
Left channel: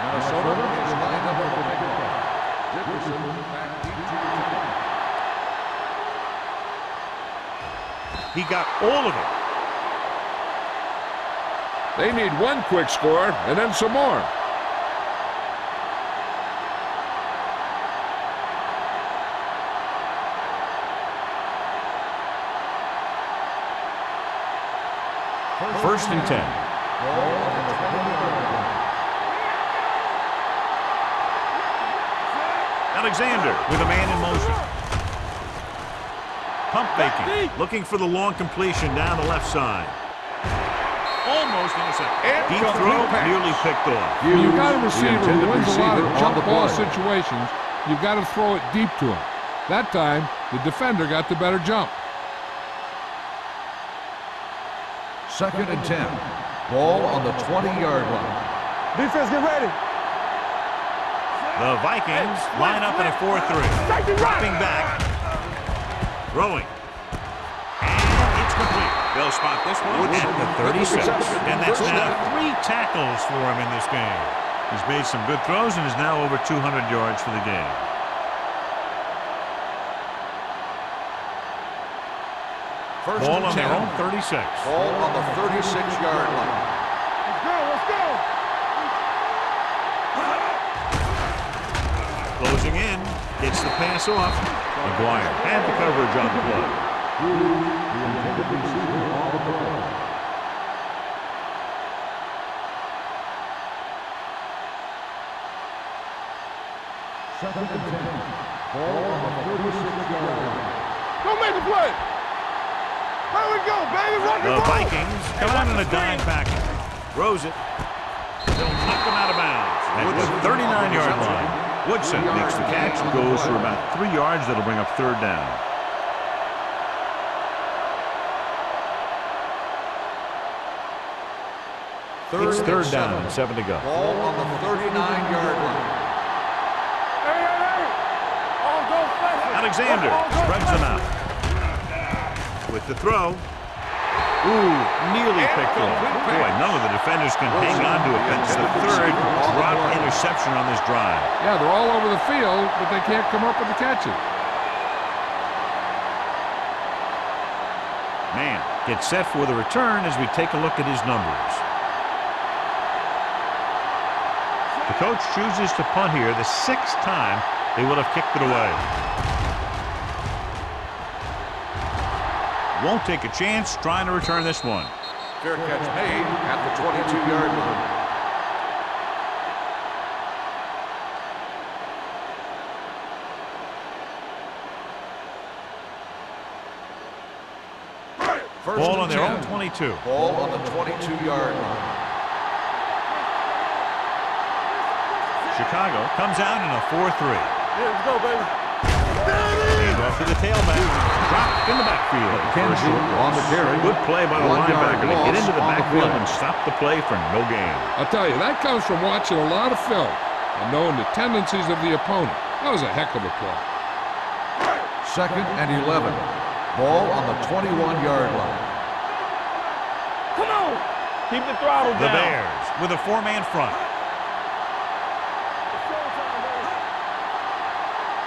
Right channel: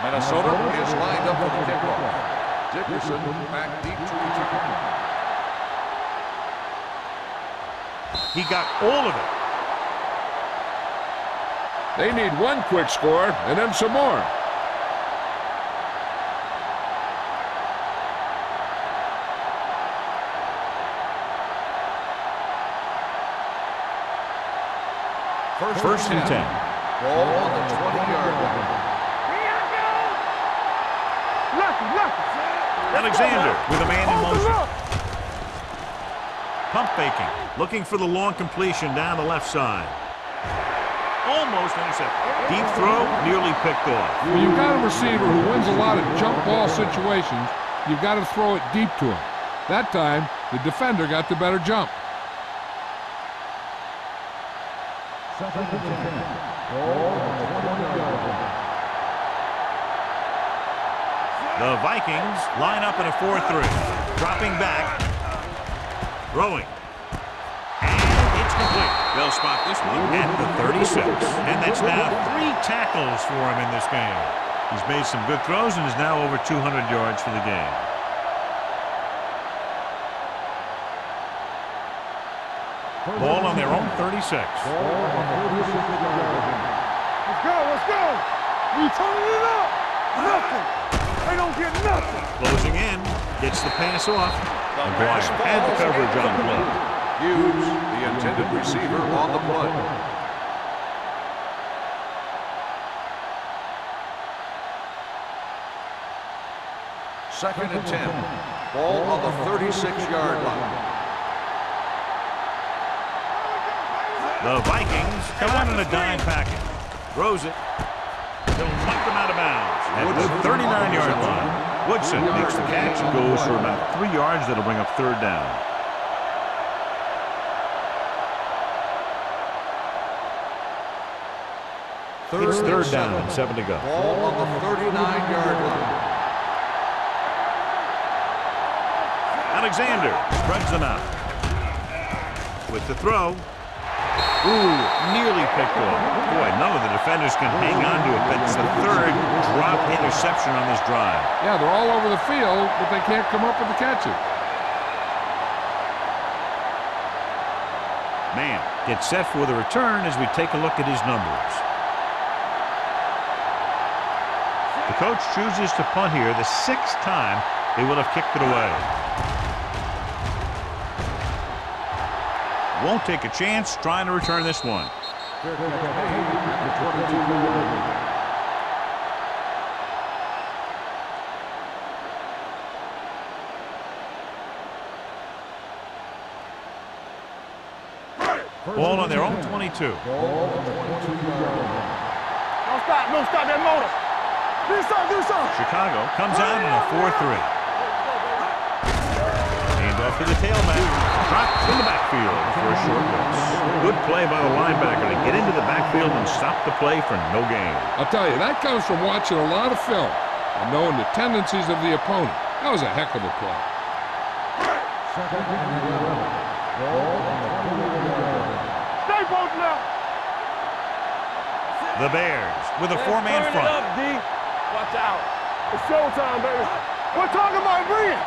Minnesota is lined up for the kickoff. Dickerson back deep to return. He got all of it. They need one quick score and then some more. First and 10. Ball on the 20-yard line. Alexander with a man in motion. Pump faking. Looking for the long completion down the left side. Almost intercepted. Deep throw, nearly picked off. When you've got a receiver who wins a lot of jump ball situations, you've got to throw it deep to him. That time, the defender got the better jump. Second and 10. Ball on the 20-yard line. Defense, get ready. The Vikings line up in a 4-3. Dropping back. Throwing. And it's complete. They'll spot this one at the 36. And that's now 3 tackles for him in this game. He's made some good throws and is now over 200 yards for the game. Ball on their own 36. Ball on the 36-yard line. Let's go, let's go. We turn it up. I don't get nothing. Closing in. Gets the pass off. McGuire had the coverage on the play. Hughes, the intended receiver on the play. Second and 10. Ball on the 36-yard line. Don't make the play. How we go, baby? The Vikings come out in a dime package. Throws it. They'll knock them out of bounds at the 39-yard line. Woodson makes the catch and goes for about 3 yards. That'll bring up third down. It's third down and 7 to go. Ball on the 39-yard line. All go fast. Alexander spreads them out. With the throw. Ooh, nearly picked off. Boy, none of the defenders can hang on to it. That's the 3rd drop interception on this drive. Yeah, they're all over the field, but they can't come up with the catches. Man gets set for the return as we take a look at his numbers. The coach chooses to punt here the 6th time they would have kicked it away. won't take a chance trying to return this one. Fair catch made at the 22-yard line. Ball on their own 22. Ball on the 22-yard line. Don't stop that motor. Do something. Chicago comes out in a 4-3. Yeah, let's go, baby. Hand off to the tailback. Dropped in the backfield for a short loss. Good play by the linebacker to get into the backfield and stop the play for no gain. I'll tell you, that comes from watching a lot of film and knowing the tendencies of the opponent. That was a heck of a play. 2nd and 11. Ball on the 21-yard line. Stay close now. Come on. Keep the throttle The down. Bears with a four-man front. Watch out. It's showtime, baby. We're talking about breathing.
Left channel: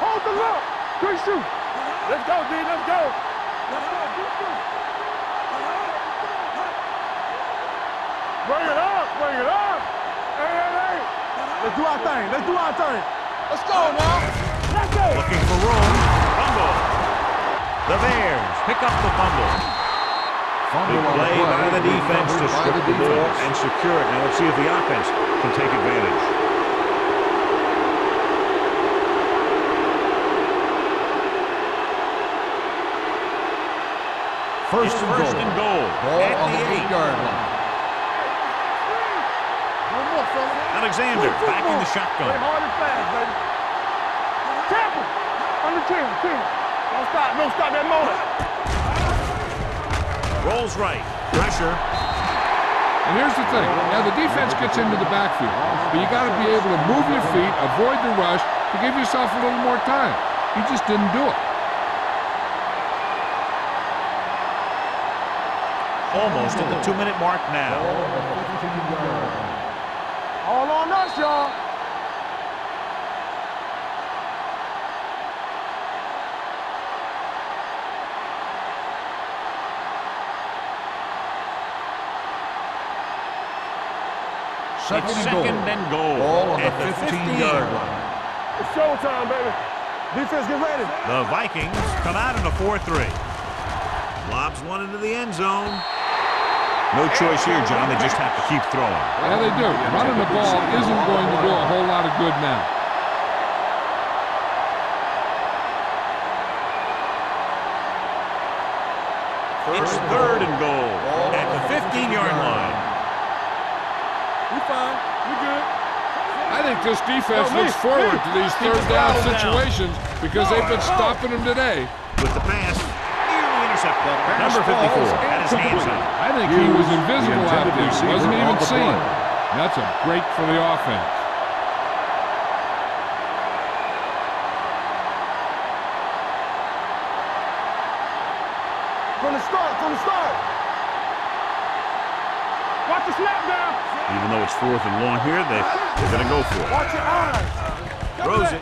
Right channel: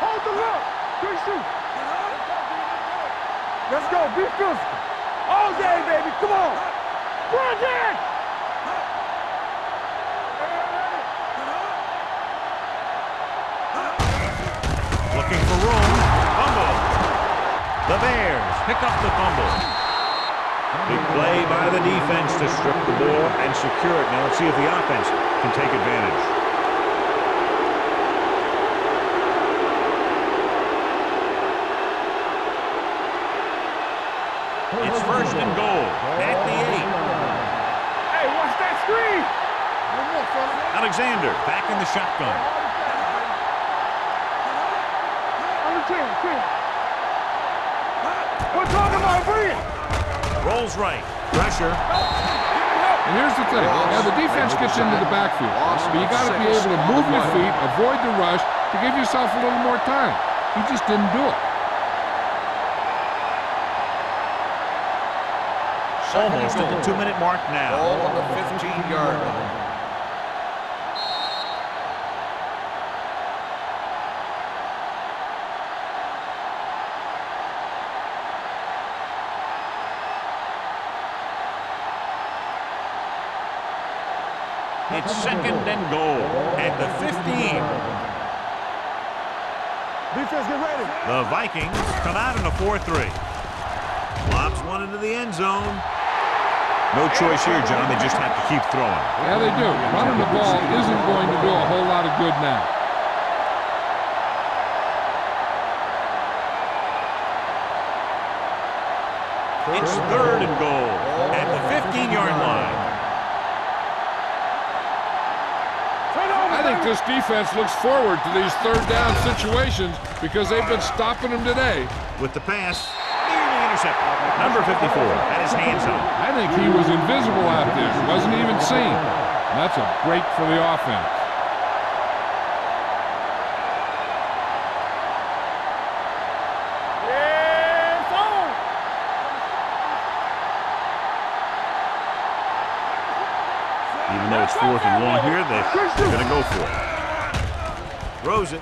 Hold the look. Good shoot. Let's go, D. Let's go. Let's go. Be physical. All day, baby. Come on. Bring it. Bring it up. Bring it up. Hey. Let's do our thing. Let's do our thing. Let's go, man. Let's go. Looking for room. Fumble. The Bears pick up the fumble. Big play by the defense to strip the ball and secure it. Now let's see if the offense can take advantage. It's first and goal at the 8. Hey, watch that screen. One more, fella. Alexander back in the Play shotgun. hard and fast, baby. Tap it. Under 10. Don't stop that motor. What's wrong with my breathing? Rolls right. Pressure. And here's the thing. Yeah, the defense gets into the backfield, but you got to be able to move your feet, avoid the rush to give yourself a little more time. He just didn't do it. Almost at the 2-minute mark now. Ball on the 15-yard line. All on us, y'all. It's second and goal at the 15. It's showtime, baby. Defense, get ready. The Vikings come out in a 4-3. Lobs one into the end zone. No choice here, John. They just have to keep throwing. Yeah, they do. Running the ball isn't going to do a whole lot of good now. It's third and goal at the 15-yard line. I think this defense looks forward to these third down situations because they've been stopping them today. With the pass, nearly intercepted. Number 54 had his hands on it. I think he was invisible out there. Wasn't even seen. And that's a break for the offense. Even though it's 4th and long here, they're going to go for it. Throws it.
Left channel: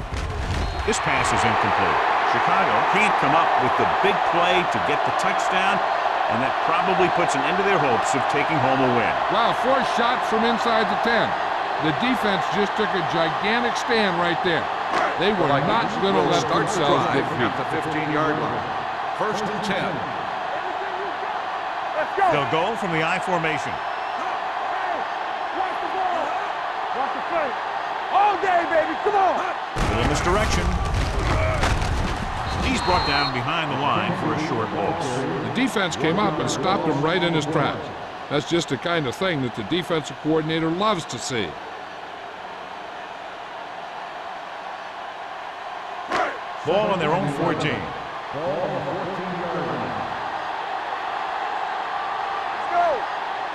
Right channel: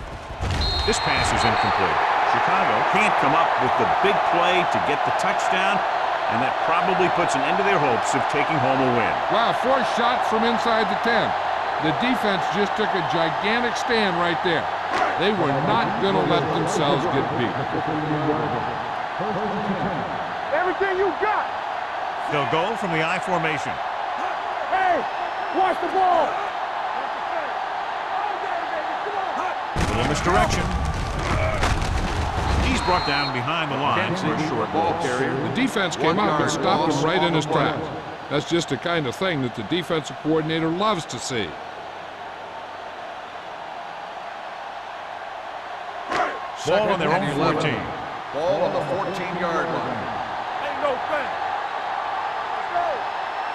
This pass is incomplete. Chicago can't come up with the big play to get the touchdown, and that probably puts an end to their hopes of taking home a win. Wow, 4 shots from inside the 10. The defense just took a gigantic stand right there. They were not going to let themselves get beat. The 15-yard line. First and 10. Everything you got. Let's go. They'll go from the I formation. Hey, watch the ball. Watch the play. All day, baby. Come on. Little misdirection. He's brought down behind the line for a short loss. The defense came up and stopped him right in his tracks. That's just the kind of thing that the defensive coordinator loves to see. Ball on their own 14. Ball on the 14-yard line. Ain't no play. Let's go.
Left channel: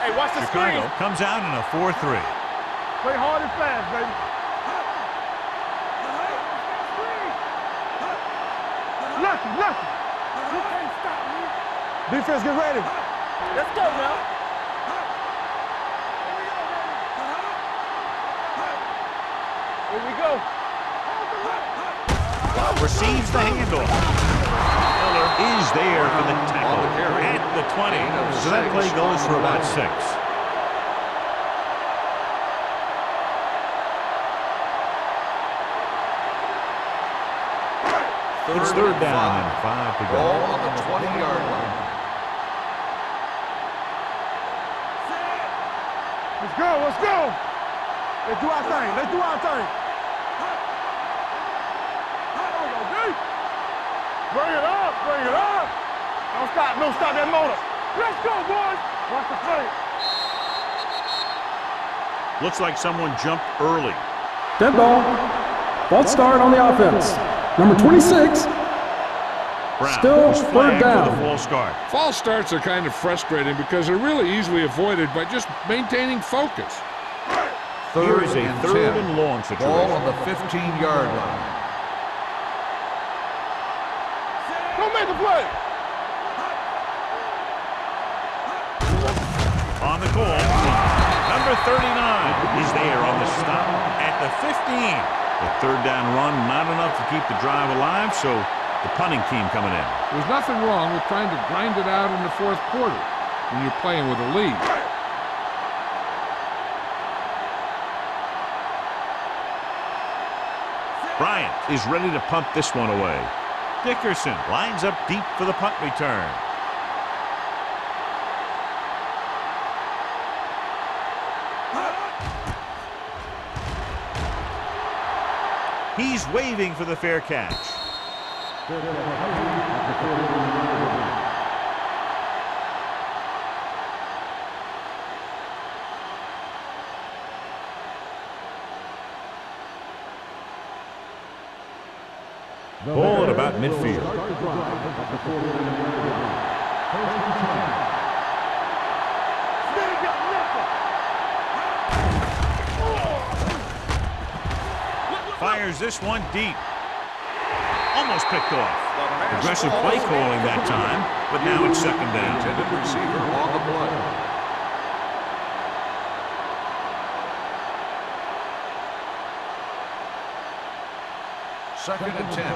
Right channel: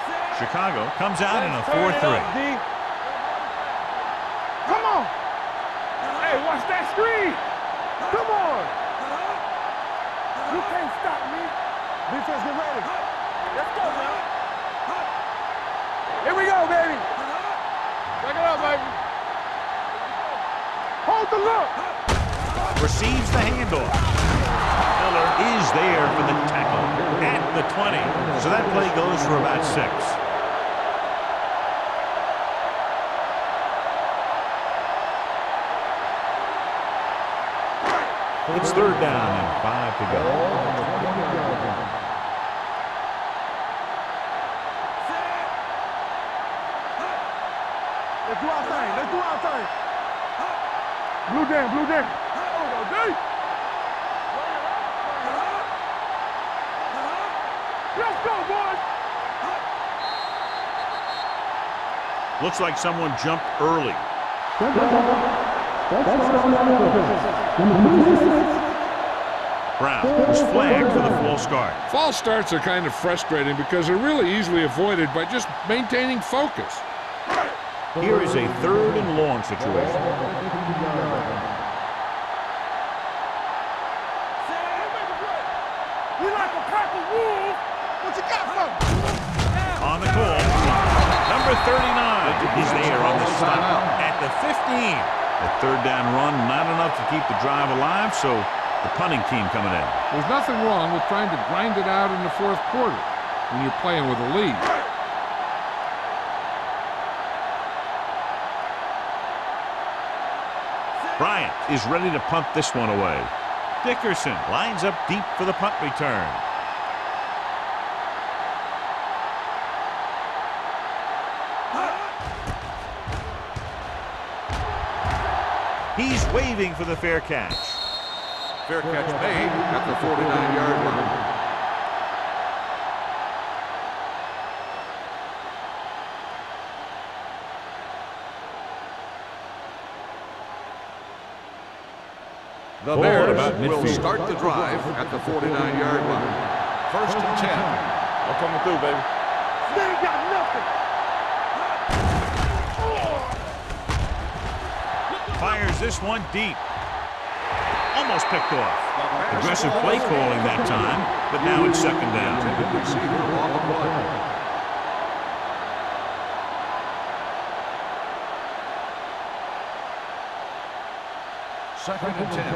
Hey, watch the Chicago screen. comes out in a 4-3. Play hard and fast, baby. Come on. Hey, watch that screen. Come on. Nothing. You can't stop me. Defense, get ready. Let's go now. Here we go, baby. Back it up, baby. Here we go. Hold the look. Receives the handoff. Miller is there for the tackle at the 20. So that play goes for about 6. It's third down and 5 to go. Ball on the 20-yard line. Let's go, let's go. Let's do our thing, let's do our thing. Blue jam, blue jam. There we go, D. Bring it up, bring it up. Don't stop that motor. Let's go, boys. Watch the play. Looks like someone jumped early. Dead ball. False start on the offense. Number 26. Brown Still was flagged third for the down. false start. False starts are kind of frustrating because they're really easily avoided by just maintaining focus. Here is a and third 10. and long Ball situation. on the 15-yard line. Go make a play. You like to crack the rules, but you got something. On the call, number 39 is there on the stop at the 15. The third down run, not enough to keep the drive alive, so the punting team coming in. There's nothing wrong with trying to grind it out in the fourth quarter when you're playing with a lead. Bryant is ready to punt this one away. Dickerson lines up deep for the punt return. He's waving for the fair catch. Fair catch made at the 49-yard line. The Ball at Bears about will midfield. start the drive at the 49-yard line. First and 10. I'm coming through, baby. They ain't got nothing. Fires this one deep. Almost picked off. Aggressive play calling that time, but now it's second The down. intended receiver on the play. Second and 10.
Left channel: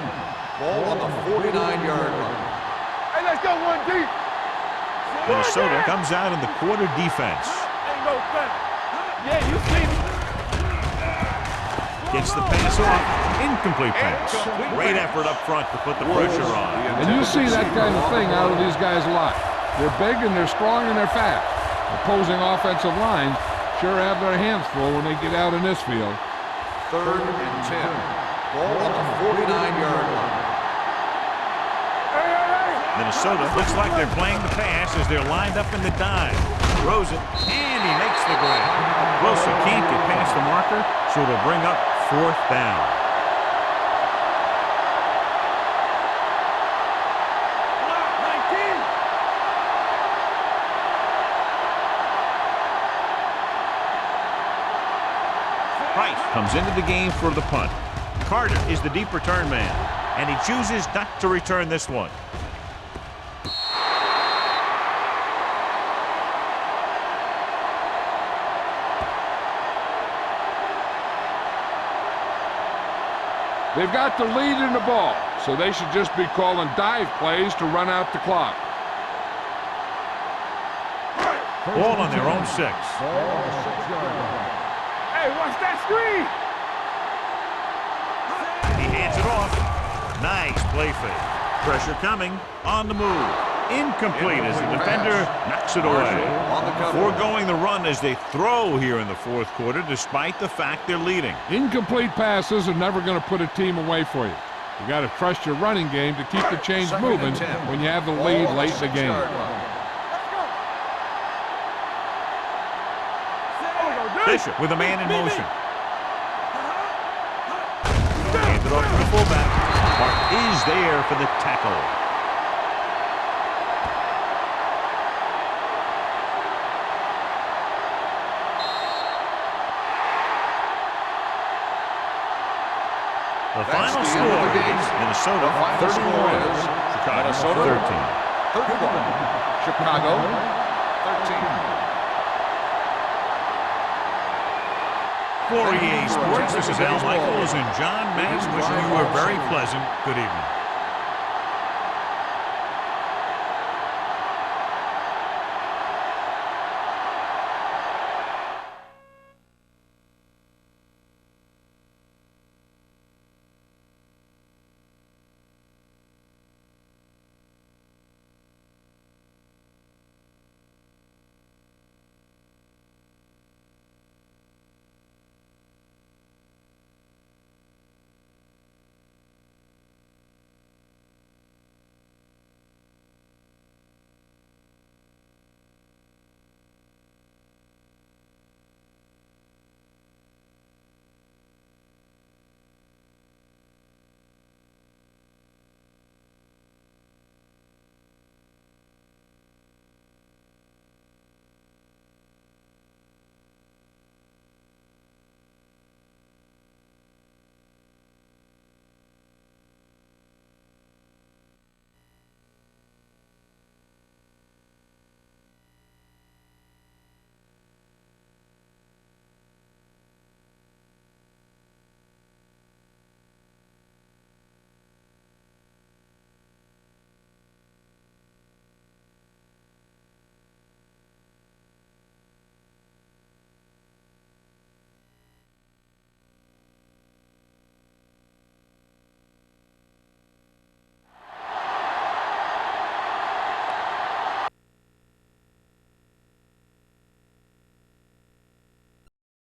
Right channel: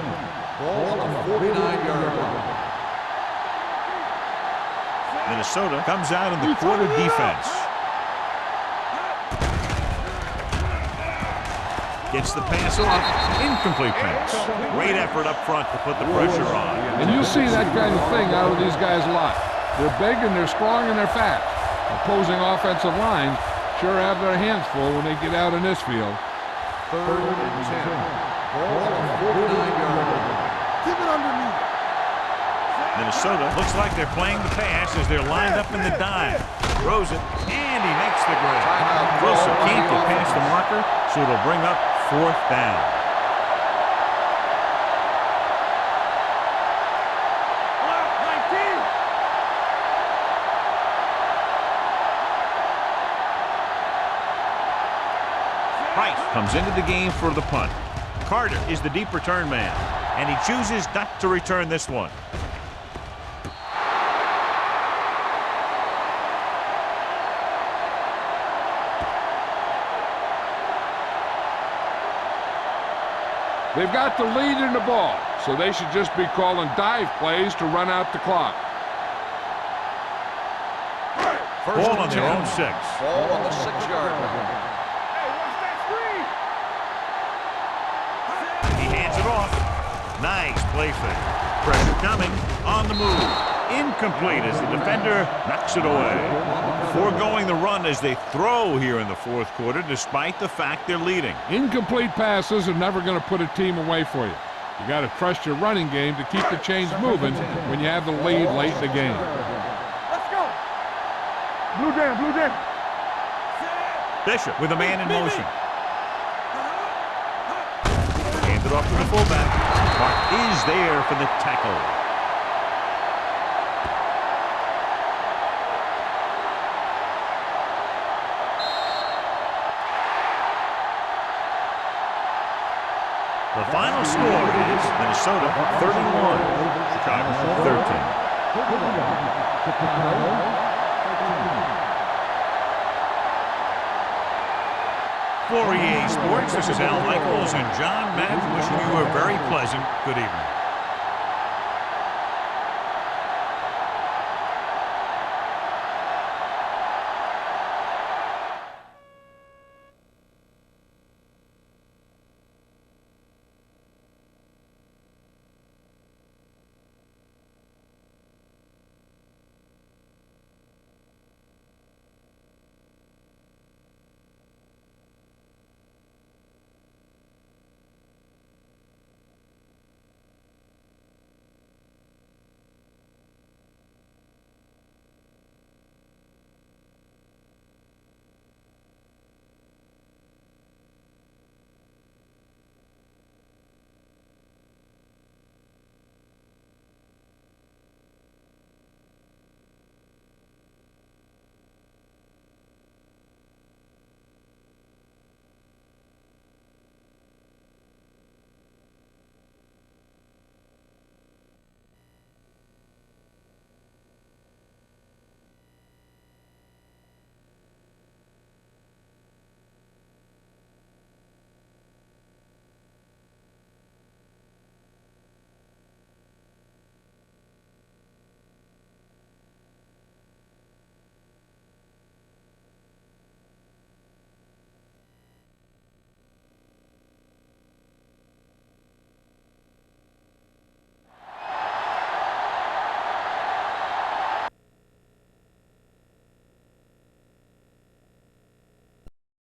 Ball on the 49-yard line. Hey, let's go one deep. Minnesota comes out in the quarter defense. Gets the pass off. Incomplete pass. Great effort up front to put the pressure on. And you'll see that kind of thing out of these guys a lot. They're big and they're strong and they're fast. Opposing offensive lines sure have their hands full when they get out in this field. Third and 10. Ball on the 49-yard line. Minnesota looks like they're playing the pass as they're lined up in the dime. Throws it, and he makes the grab. Wilson can't get past the marker, so it'll bring up fourth down. Price comes into the game for the punt. Carter is the deep return man, and he chooses not to return this one. They've got the lead in the ball, so they should just be calling dive plays to run out the clock. Ball on their own 6. Ball on the 6-yard line. Hey, watch that screen. He hands it off. Nice play fake. Pressure coming. On the move. Incomplete as the defender knocks it away. Foregoing the run as they throw here in the fourth quarter, despite the fact they're leading. Incomplete passes are never going to put a team away for you. You got to trust your running game to keep the chains moving when you have the lead late in the game. Let's go. Blue jam, blue jam. Bishop with a man in motion. Hand it off to the fullback. Hart is there for the tackle. The final score is Minnesota 31, Chicago 13. 31. Chicago 13. For EA Sports, this is Al Michaels and John Madden wishing you a very pleasant good evening.